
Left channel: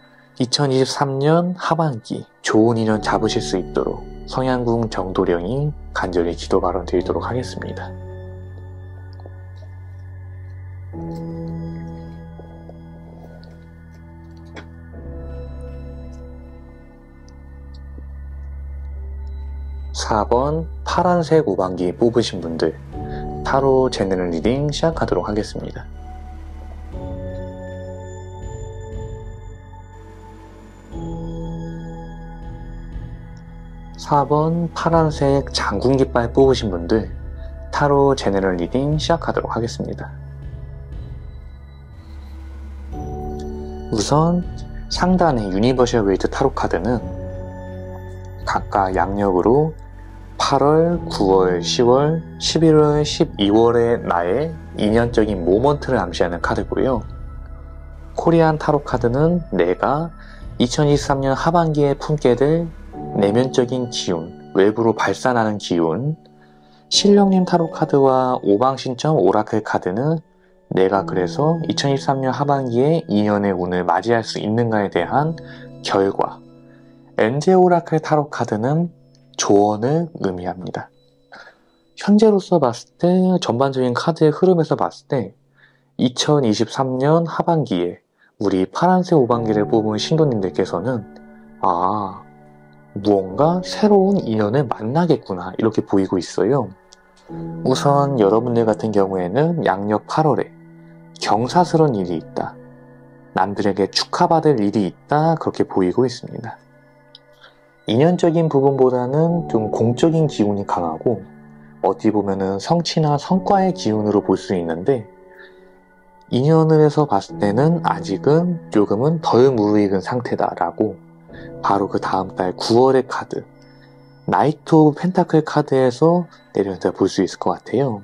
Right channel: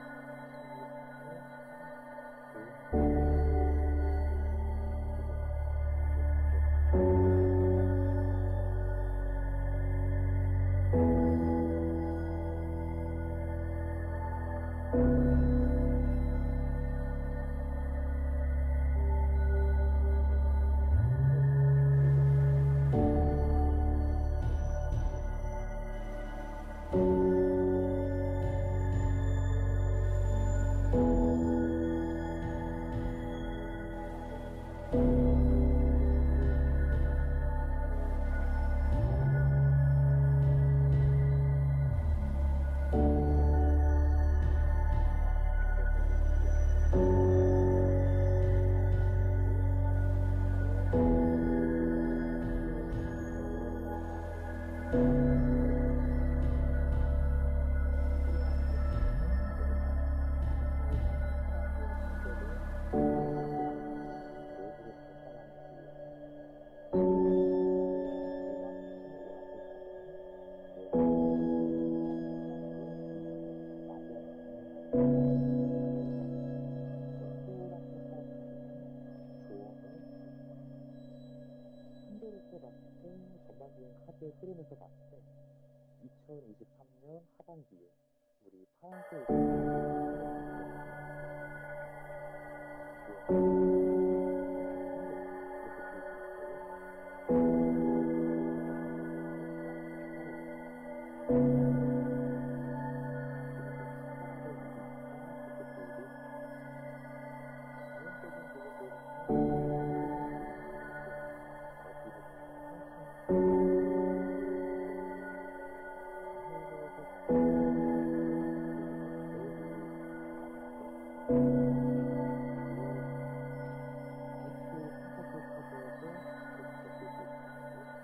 2023년 하반기 좋은 인연 잡으실 수 있도록 성향궁 정도령이 간절히 기도 발언 드리도록 하겠습니다. (4번) 파란색 오방기 뽑으신 분들 타로 제너럴 리딩 시작하도록 하겠습니다. (4번) 파란색 장군 깃발 뽑으신 분들 타로 제너럴 리딩 시작하도록 하겠습니다. 우선 상단의 유니버셜 웨이트 타로 카드는 각각 양력으로 8월, 9월, 10월, 11월, 12월의 나의 인연적인 모먼트를 암시하는 카드고요. 코리안 타로 카드는 내가 2023년 하반기에 품게 될 내면적인 기운, 외부로 발산하는 기운. 신령님 타로 카드와 오방신점 오라클 카드는 내가 그래서 2023년 하반기에 인연의 운을 맞이할 수 있는가에 대한 결과. 엔젤 오라클 타로 카드는 조언을 의미합니다. 현재로서 봤을 때 전반적인 카드의 흐름에서 봤을 때 2023년 하반기에 우리 파란색 오방기를 뽑은 신도님들께서는 무언가 새로운 인연을 만나겠구나 이렇게 보이고 있어요. 우선 여러분들 같은 경우에는 양력 8월에 경사스러운 일이 있다, 남들에게 축하받을 일이 있다 그렇게 보이고 있습니다. 인연적인 부분보다는 좀 공적인 기운이 강하고 어찌 보면은 성취나 성과의 기운으로 볼 수 있는데 인연을 해서 봤을 때는 아직은 조금은 덜 무르익은 상태다라고 바로 그 다음 달 9월의 카드 나이트 오브 펜타클 카드에서 내려다 볼 수 있을 것 같아요.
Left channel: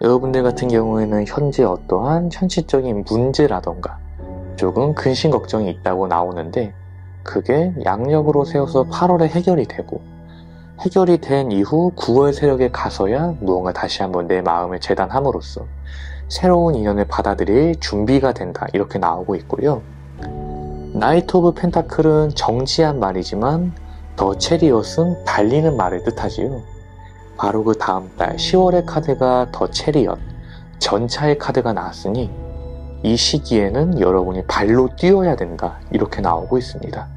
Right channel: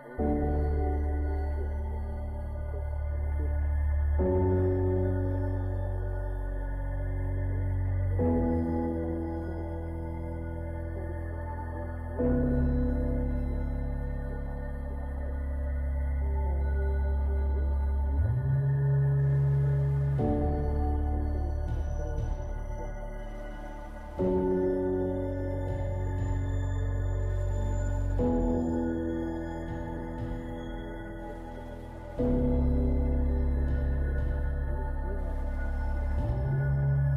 여러분들 같은 경우에는 현재 어떠한 현실적인 문제라던가 조금 근심 걱정이 있다고 나오는데 그게 양력으로 세워서 8월에 해결이 되고 해결이 된 이후 9월 세력에 가서야 무언가 다시 한번 내 마음을 재단함으로써 새로운 인연을 받아들일 준비가 된다 이렇게 나오고 있고요. 나이트 오브 펜타클은 정치한 말이지만 더 체리엇은 달리는 말을 뜻하지요. 바로 그 다음 달 10월의 카드가 더 체리엇, 전차의 카드가 나왔으니 이 시기에는 여러분이 발로 뛰어야 된다 이렇게 나오고 있습니다.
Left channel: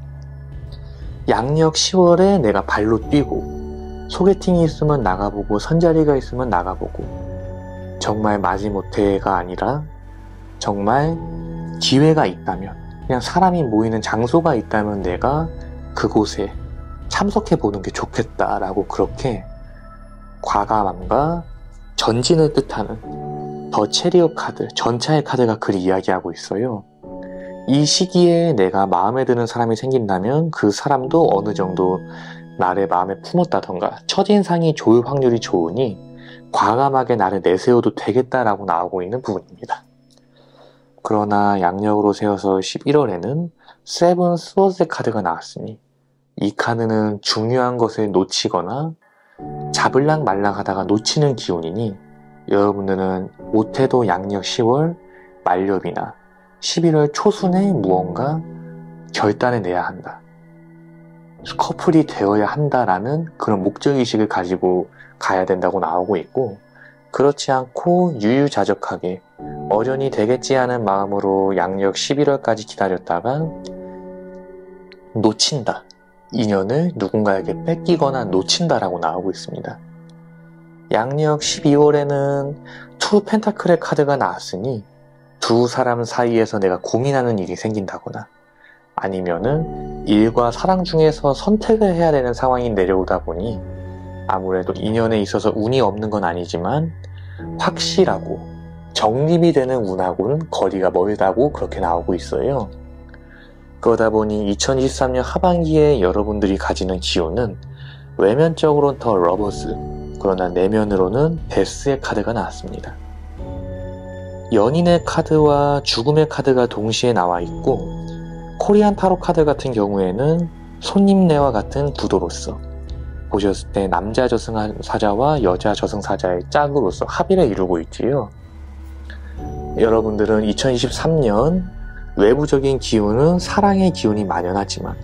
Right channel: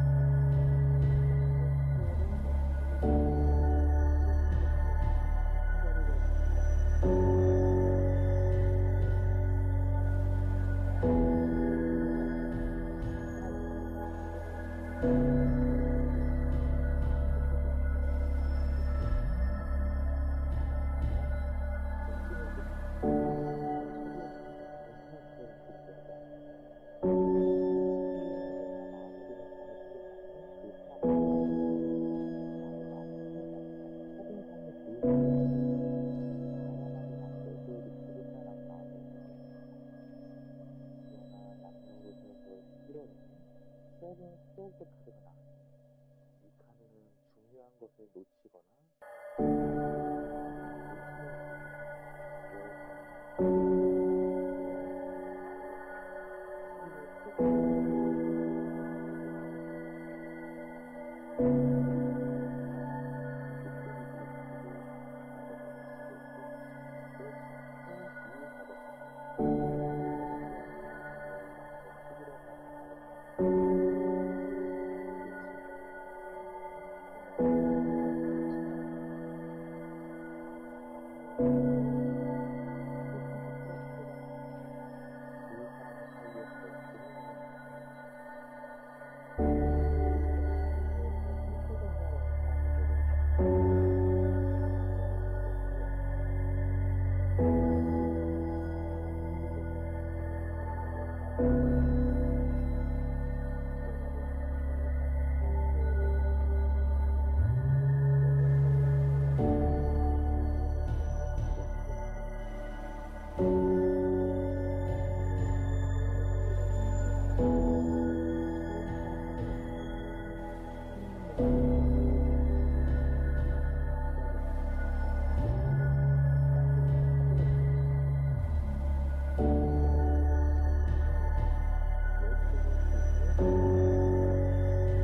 양력 10월에 내가 발로 뛰고 소개팅이 있으면 나가보고 선자리가 있으면 나가보고 정말 마지못해가 아니라 정말 기회가 있다면 그냥 사람이 모이는 장소가 있다면 내가 그곳에 참석해보는 게 좋겠다라고 그렇게 과감함과 전진을 뜻하는 더 체리엇 카드, 전차의 카드가 그리 이야기하고 있어요. 이 시기에 내가 마음에 드는 사람이 생긴다면 그 사람도 어느 정도 나를 마음에 품었다던가 첫인상이 좋을 확률이 좋으니 과감하게 나를 내세워도 되겠다라고 나오고 있는 부분입니다. 그러나 양력으로 세워서 11월에는 세븐 스워드 카드가 나왔으니 이 카드는 중요한 것을 놓치거나 잡을락 말락 하다가 놓치는 기운이니 여러분들은 못해도 양력 10월 말렵이나 11월 초순에 무언가 결단을 내야 한다. 커플이 되어야 한다라는 그런 목적의식을 가지고 가야 된다고 나오고 있고, 그렇지 않고 유유자적하게 어련히 되겠지 하는 마음으로 양력 11월까지 기다렸다가 놓친다. 인연을 누군가에게 뺏기거나 놓친다라고 나오고 있습니다. 양력 12월에는 투 펜타클의 카드가 나왔으니 두 사람 사이에서 내가 고민하는 일이 생긴다거나 아니면은 일과 사랑 중에서 선택을 해야 되는 상황이 내려오다 보니 아무래도 인연에 있어서 운이 없는 건 아니지만 확실하고 정립이 되는 운하고는 거리가 멀다고 그렇게 나오고 있어요. 그러다 보니 2023년 하반기에 여러분들이 가지는 기운은 외면적으로는 더 러버스, 그러나 내면으로는 데스의 카드가 나왔습니다. 연인의 카드와 죽음의 카드가 동시에 나와 있고, 코리안 타로 카드 같은 경우에는 손님네와 같은 구도로서 보셨을 때 남자 저승사자와 여자 저승사자의 짝으로서 합의를 이루고 있지요. 여러분들은 2023년 외부적인 기운은 사랑의 기운이 만연하지만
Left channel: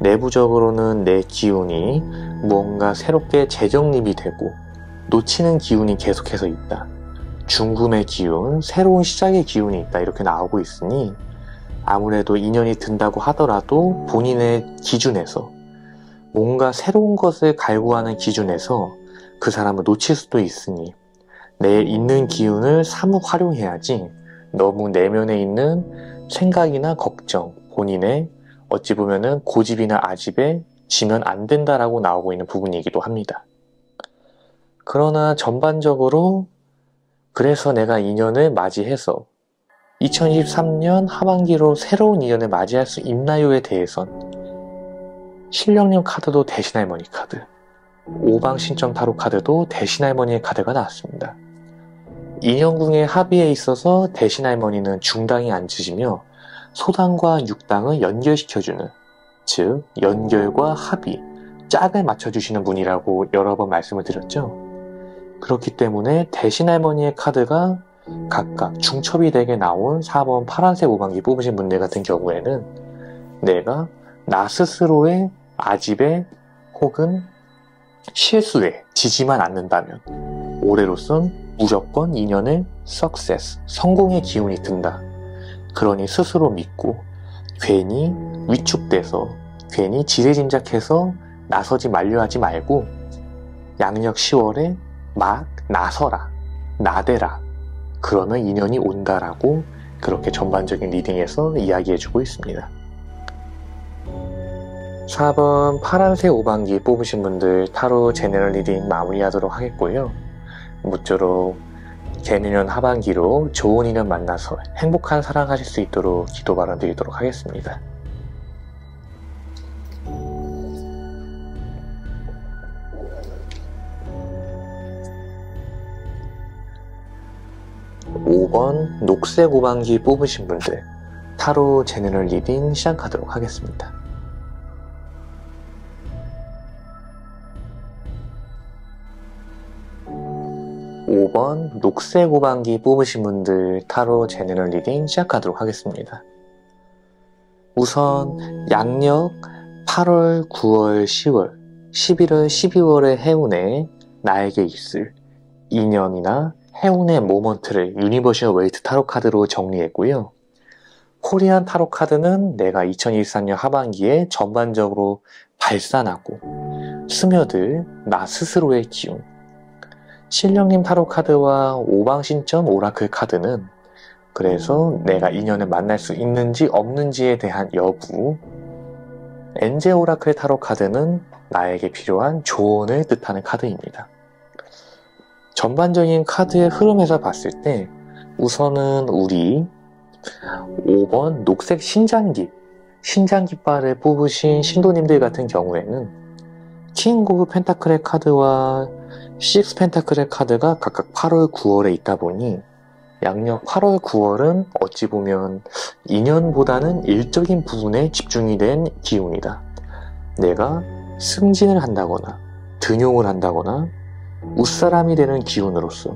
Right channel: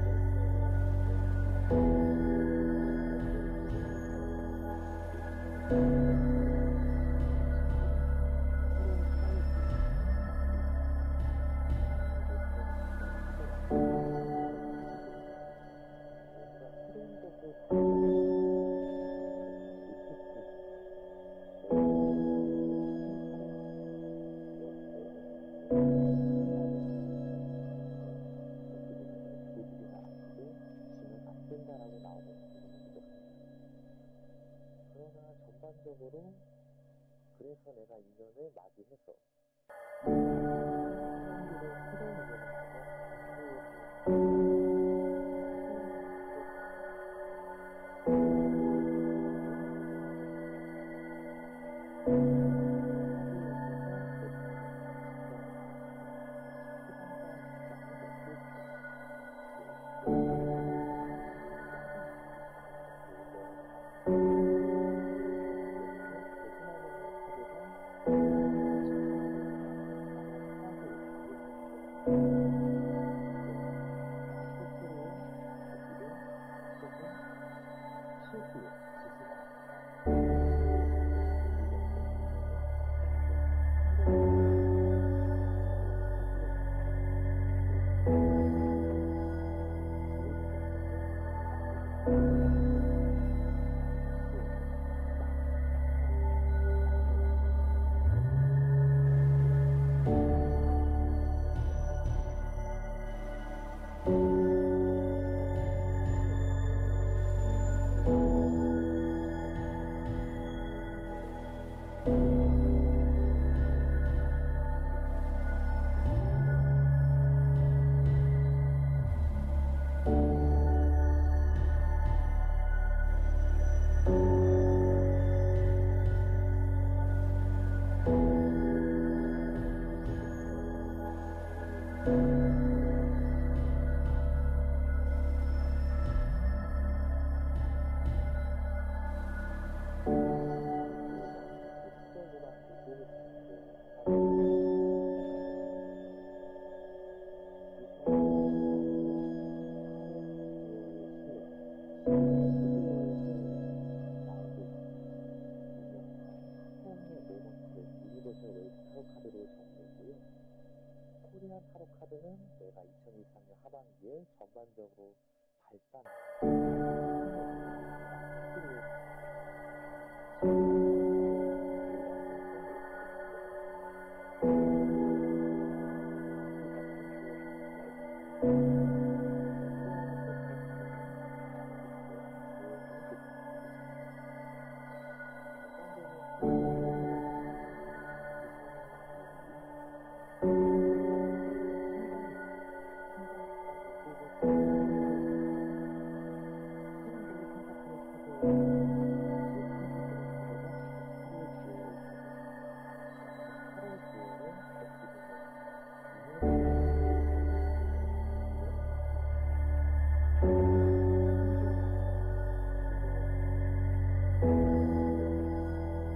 내부적으로는 내 기운이 무언가 새롭게 재정립이 되고 놓치는 기운이 계속해서 있다. 중금의 기운, 새로운 시작의 기운이 있다. 이렇게 나오고 있으니 아무래도 인연이 든다고 하더라도 본인의 기준에서 뭔가 새로운 것을 갈구하는 기준에서 그 사람을 놓칠 수도 있으니 내 있는 기운을 사뭇 활용해야지 너무 내면에 있는 생각이나 걱정, 본인의 어찌 보면은 고집이나 아집에 지면 안 된다라고 나오고 있는 부분이기도 합니다. 그러나 전반적으로 그래서 내가 인연을 맞이해서 2023년 하반기로 새로운 인연을 맞이할 수 있나요에 대해선 신령님 카드도 대신할머니 카드, 오방신점 타로 카드도 대신할머니의 카드가 나왔습니다. 인연궁의 합의에 있어서 대신할머니는 중당에 앉으시며 소당과 육당을 연결시켜주는, 즉 연결과 합의, 짝을 맞춰주시는 분이라고 여러 번 말씀을 드렸죠. 그렇기 때문에 대신할머니의 카드가 각각 중첩이 되게 나온 4번 파란색 오방기 뽑으신 분들 같은 경우에는 내가 나 스스로의 아집에 혹은 실수에 지지만 않는다면 올해로선 무조건 인연의 석세스, 성공의 기운이 든다. 그러니 스스로 믿고 괜히 위축돼서 괜히 지레짐작해서 나서지 말려 하지 말고 양력 10월에 막 나서라, 나대라. 그러면 인연이 온다라고 그렇게 전반적인 리딩에서 이야기해주고 있습니다. 4번 파란색 오방기 뽑으신 분들 타로 제너럴 리딩 마무리하도록 하겠고요. 모쪼록 개미년 하반기로 좋은 인연 만나서 행복한 사랑하실 수 있도록 기도 바람 드리도록 하겠습니다. 5번 녹색 오방기 뽑으신 분들 타로 제너럴 리딩 시작하도록 하겠습니다. (5번) 녹색 오방기 뽑으신 분들 타로 제너럴 리딩 시작하도록 하겠습니다. 우선 양력 8월, 9월, 10월, 11월, 12월의 해운에 나에게 있을 인연이나 해운의 모먼트를 유니버셜 웨이트 타로 카드로 정리했고요. 코리안 타로 카드는 내가 2023년 하반기에 전반적으로 발산하고 스며들 나 스스로의 기운, 신령님 타로 카드와 오방신점 오라클 카드는 그래서 내가 인연을 만날 수 있는지 없는지에 대한 여부, 엔젤 오라클 타로 카드는 나에게 필요한 조언을 뜻하는 카드입니다. 전반적인 카드의 흐름에서 봤을 때 우선은 우리 5번 녹색 신장깃발을 뽑으신 신도님들 같은 경우에는 킹 오브 펜타클의 카드와 식스 펜타클의 카드가 각각 8월, 9월에 있다 보니 양력 8월, 9월은 어찌 보면 인연보다는 일적인 부분에 집중이 된 기운이다. 내가 승진을 한다거나 등용을 한다거나 웃사람이 되는 기운으로서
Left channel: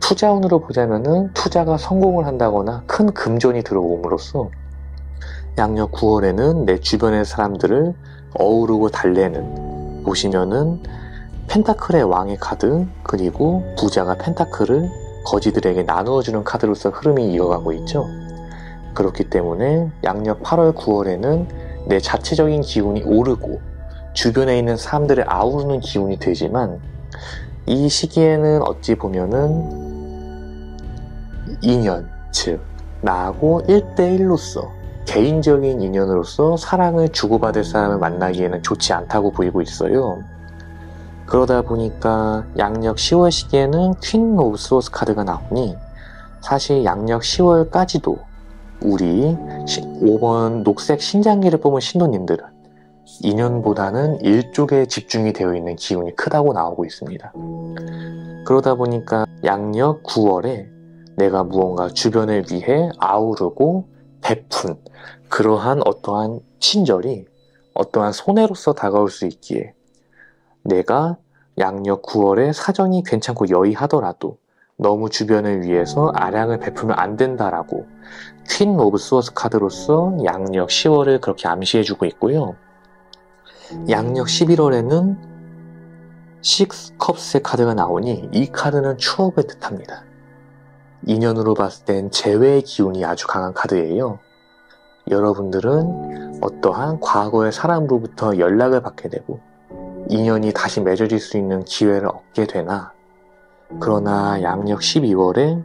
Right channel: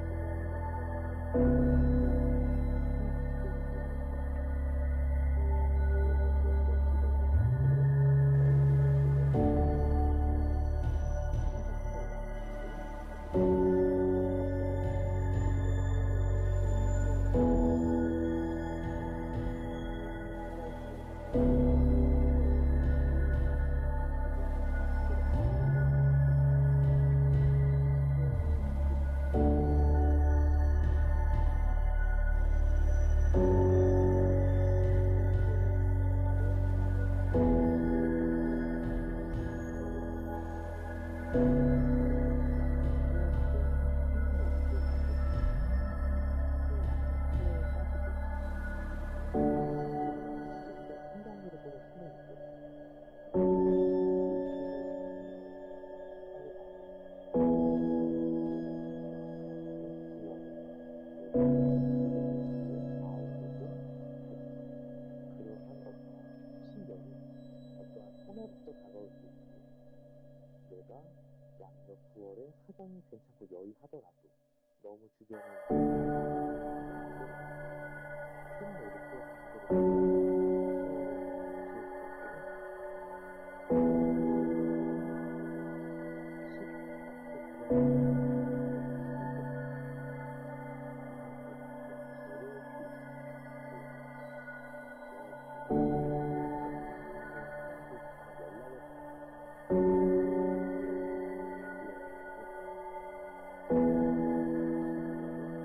투자운으로 보자면은 투자가 성공을 한다거나 큰 금전이 들어옴으로써 양력 9월에는 내 주변의 사람들을 어우르고 달래는, 보시면은 펜타클의 왕의 카드, 그리고 부자가 펜타클을 거지들에게 나누어주는 카드로서 흐름이 이어가고 있죠. 그렇기 때문에 양력 8월 9월에는 내 자체적인 기운이 오르고 주변에 있는 사람들을 아우르는 기운이 되지만, 이 시기에는 어찌 보면은 인연, 즉 나하고 1대1로서 개인적인 인연으로서 사랑을 주고받을 사람을 만나기에는 좋지 않다고 보이고 있어요. 그러다 보니까 양력 10월 시기에는 퀸 오브 소스 카드가 나오니, 사실 양력 10월까지도 우리 5번 녹색 신장기를 뽑은 신도님들은 인연보다는 일쪽에 집중이 되어 있는 기운이 크다고 나오고 있습니다. 그러다 보니까 양력 9월에 내가 무언가 주변을 위해 아우르고 베푼 그러한 어떠한 친절이 어떠한 손해로서 다가올 수 있기에, 내가 양력 9월에 사정이 괜찮고 여의하더라도 너무 주변을 위해서 아량을 베풀면 안 된다라고 퀸 오브 소스 카드로서 양력 10월을 그렇게 암시해주고 있고요. 양력 11월에는 식스 컵스의 카드가 나오니, 이 카드는 추억을 뜻합니다. 인연으로 봤을 땐 재회의 기운이 아주 강한 카드예요. 여러분들은 어떠한 과거의 사람으로부터 연락을 받게 되고 인연이 다시 맺어질 수 있는 기회를 얻게 되나, 그러나 양력 12월에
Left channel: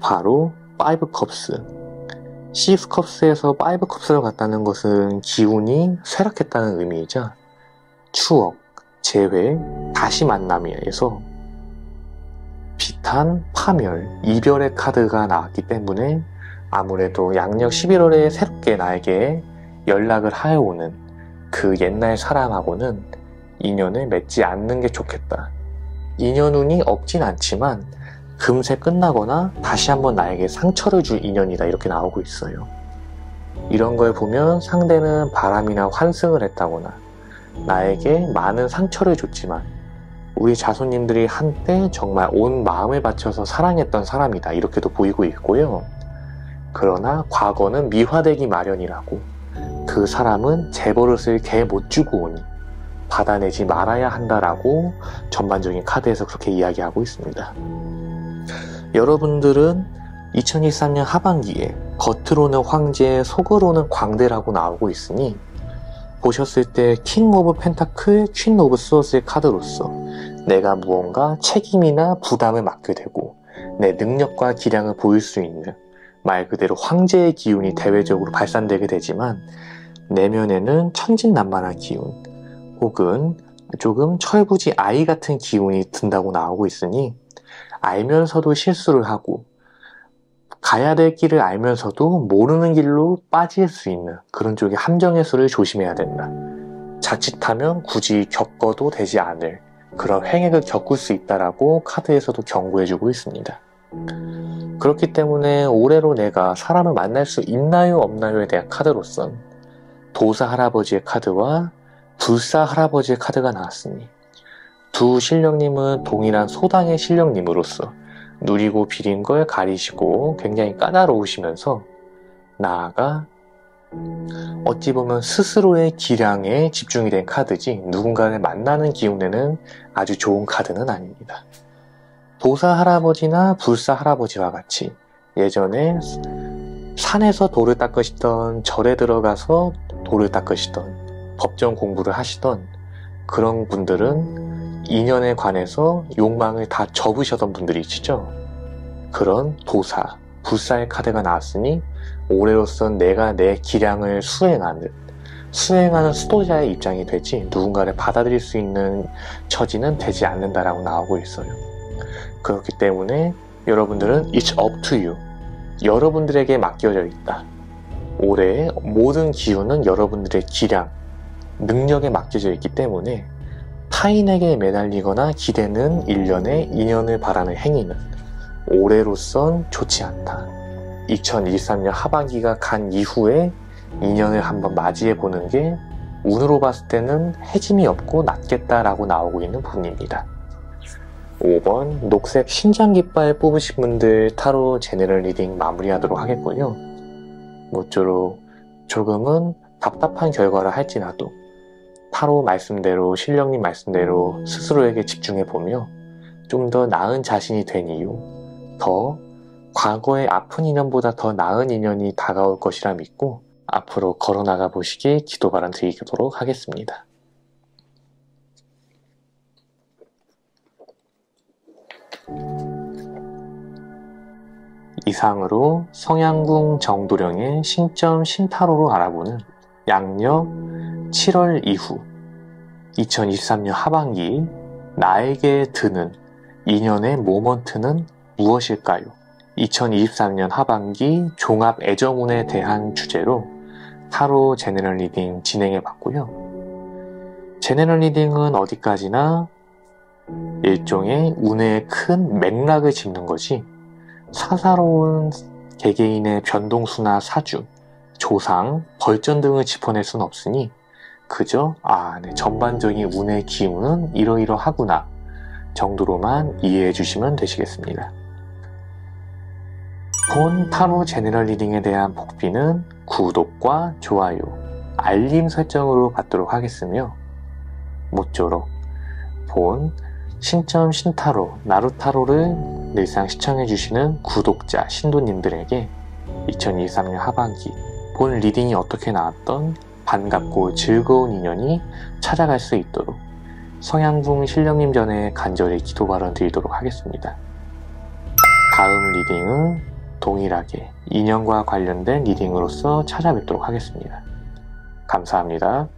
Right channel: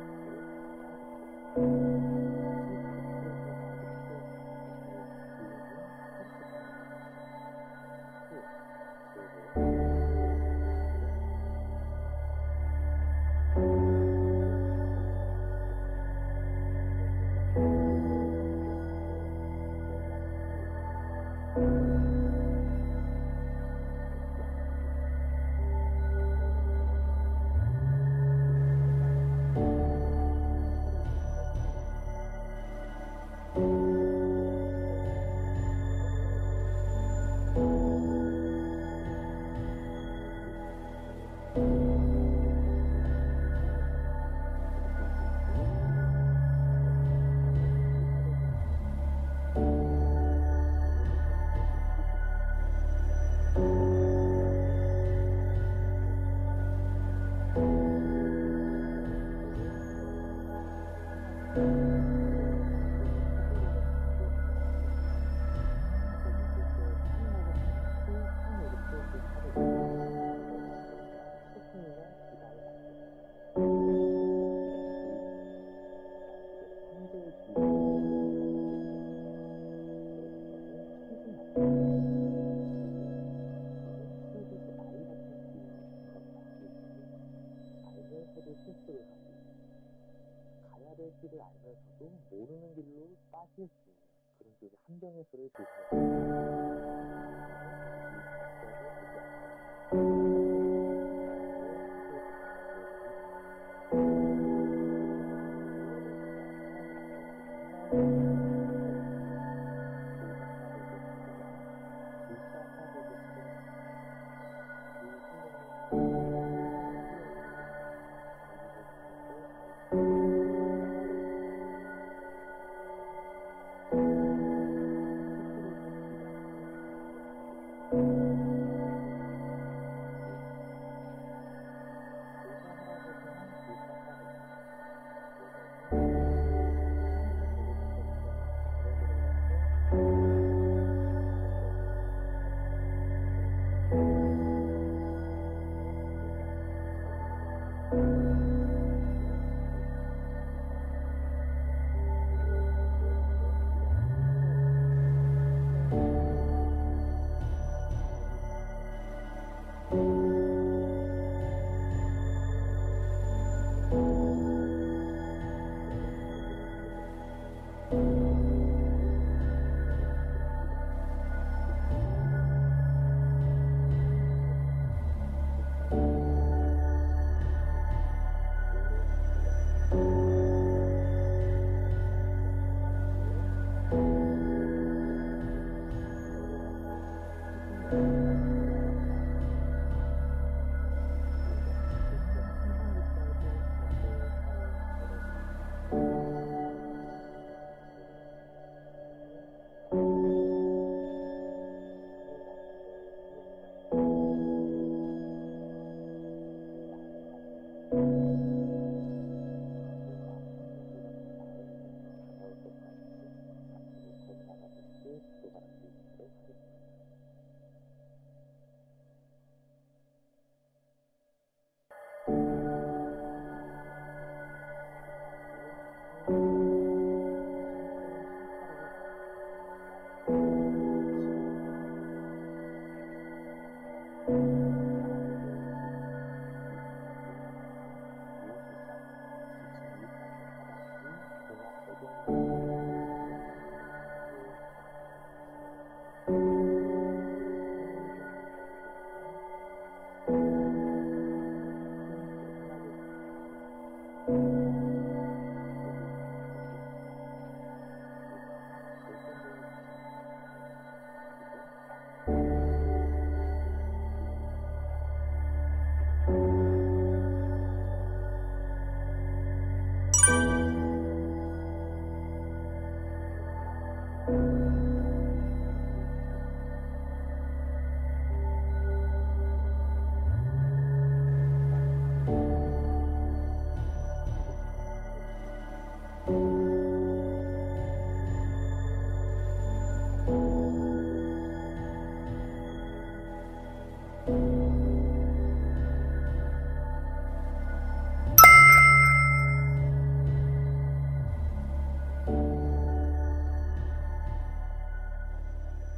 바로 5컵스, 6컵스에서 5컵스로 갔다는 것은 기운이 쇠락했다는 의미이자 추억, 재회, 다시 만남에서 비탄, 파멸, 이별의 카드가 나왔기 때문에 아무래도 양력 11월에 새롭게 나에게 연락을 하여오는 그 옛날 사람하고는 인연을 맺지 않는 게 좋겠다. 인연운이 없진 않지만 금세 끝나거나 다시 한번 나에게 상처를 줄 인연이다, 이렇게 나오고 있어요. 이런 걸 보면 상대는 바람이나 환승을 했다거나 나에게 많은 상처를 줬지만 우리 자손님들이 한때 정말 온 마음을 바쳐서 사랑했던 사람이다, 이렇게도 보이고 있고요. 그러나 과거는 미화되기 마련이라고, 그 사람은 재버릇을 개 못 주고 오니 받아내지 말아야 한다라고 전반적인 카드에서 그렇게 이야기하고 있습니다. 여러분들은 2023년 하반기에 겉으로는 황제, 속으로는 광대라고 나오고 있으니, 보셨을 때 킹 오브 펜타클, 퀸 오브 소스의 카드로서 내가 무언가 책임이나 부담을 맡게 되고 내 능력과 기량을 보일 수 있는, 말 그대로 황제의 기운이 대외적으로 발산되게 되지만, 내면에는 천진난만한 기운 혹은 조금 철부지 아이 같은 기운이 든다고 나오고 있으니, 알면서도 실수를 하고 가야 될 길을 알면서도 모르는 길로 빠질 수 있는 그런 쪽의 함정의 수를 조심해야 된다. 자칫하면 굳이 겪어도 되지 않을 그런 행액을 겪을 수 있다라고 카드에서도 경고해주고 있습니다. 그렇기 때문에 올해로 내가 사람을 만날 수 있나요 없나요에 대한 카드로선 도사 할아버지의 카드와 불사 할아버지의 카드가 나왔으니, 두 신령님은 동일한 소당의 신령님으로서 누리고 비린 걸 가리시고 굉장히 까다로우시면서, 나아가 어찌 보면 스스로의 기량에 집중이 된 카드지 누군가를 만나는 기운에는 아주 좋은 카드는 아닙니다. 도사 할아버지나 불사 할아버지와 같이 예전에 산에서 돌을 닦으시던, 절에 들어가서 돌을 닦으시던, 법정 공부를 하시던 그런 분들은 인연에 관해서 욕망을 다 접으셨던 분들이시죠. 그런 도사, 불사의 카드가 나왔으니 올해로선 내가 내 기량을 수행하는 수도자의 입장이 되지 누군가를 받아들일 수 있는 처지는 되지 않는다라고 나오고 있어요. 그렇기 때문에 여러분들은 It's up to you. 여러분들에게 맡겨져 있다. 올해의 모든 기운은 여러분들의 기량, 능력에 맡겨져 있기 때문에 타인에게 매달리거나 기대는 일련의 인연을 바라는 행위는 올해로선 좋지 않다. 2023년 하반기가 간 이후에 인연을 한번 맞이해보는 게 운으로 봤을 때는 해짐이 없고 낫겠다라고 나오고 있는 부분입니다. 5번 녹색 신장깃발 뽑으신 분들 타로 제너럴 리딩 마무리하도록 하겠고요. 모쪼록 조금은 답답한 결과를 할지라도 타로 말씀대로, 신령님 말씀대로 스스로에게 집중해보며 좀 더 나은 자신이 된 이유, 더 과거의 아픈 인연보다 더 나은 인연이 다가올 것이라 믿고 앞으로 걸어나가 보시기 기도 바람 드리도록 하겠습니다. 이상으로 성향궁 정도령의 신점 신타로로 알아보는 양력 7월 이후 2023년 하반기 나에게 드는 인연의 모먼트는 무엇일까요? 2023년 하반기 종합 애정운에 대한 주제로 타로 제너럴 리딩 진행해 봤고요. 제너럴 리딩은 어디까지나 일종의 운의 큰 맥락을 짚는 것이 사사로운 개개인의 변동수나 사주, 조상, 벌전 등을 짚어낼 순 없으니 그저 전반적인 운의 기운은 이러이러하구나 정도로만 이해해 주시면 되시겠습니다. 본 타로 제너럴 리딩에 대한 복비는 구독과 좋아요, 알림 설정으로 받도록 하겠으며 모쪼록 본 신점 신타로 나루타로를 늘상 시청해주시는 구독자 신도님들에게 2023년 하반기 본 리딩이 어떻게 나왔던 반갑고 즐거운 인연이 찾아갈 수 있도록 성향궁 신령님 전에 간절히 기도 발언 드리도록 하겠습니다. 다음 리딩은 동일하게 인연과 관련된 리딩으로서 찾아뵙도록 하겠습니다. 감사합니다.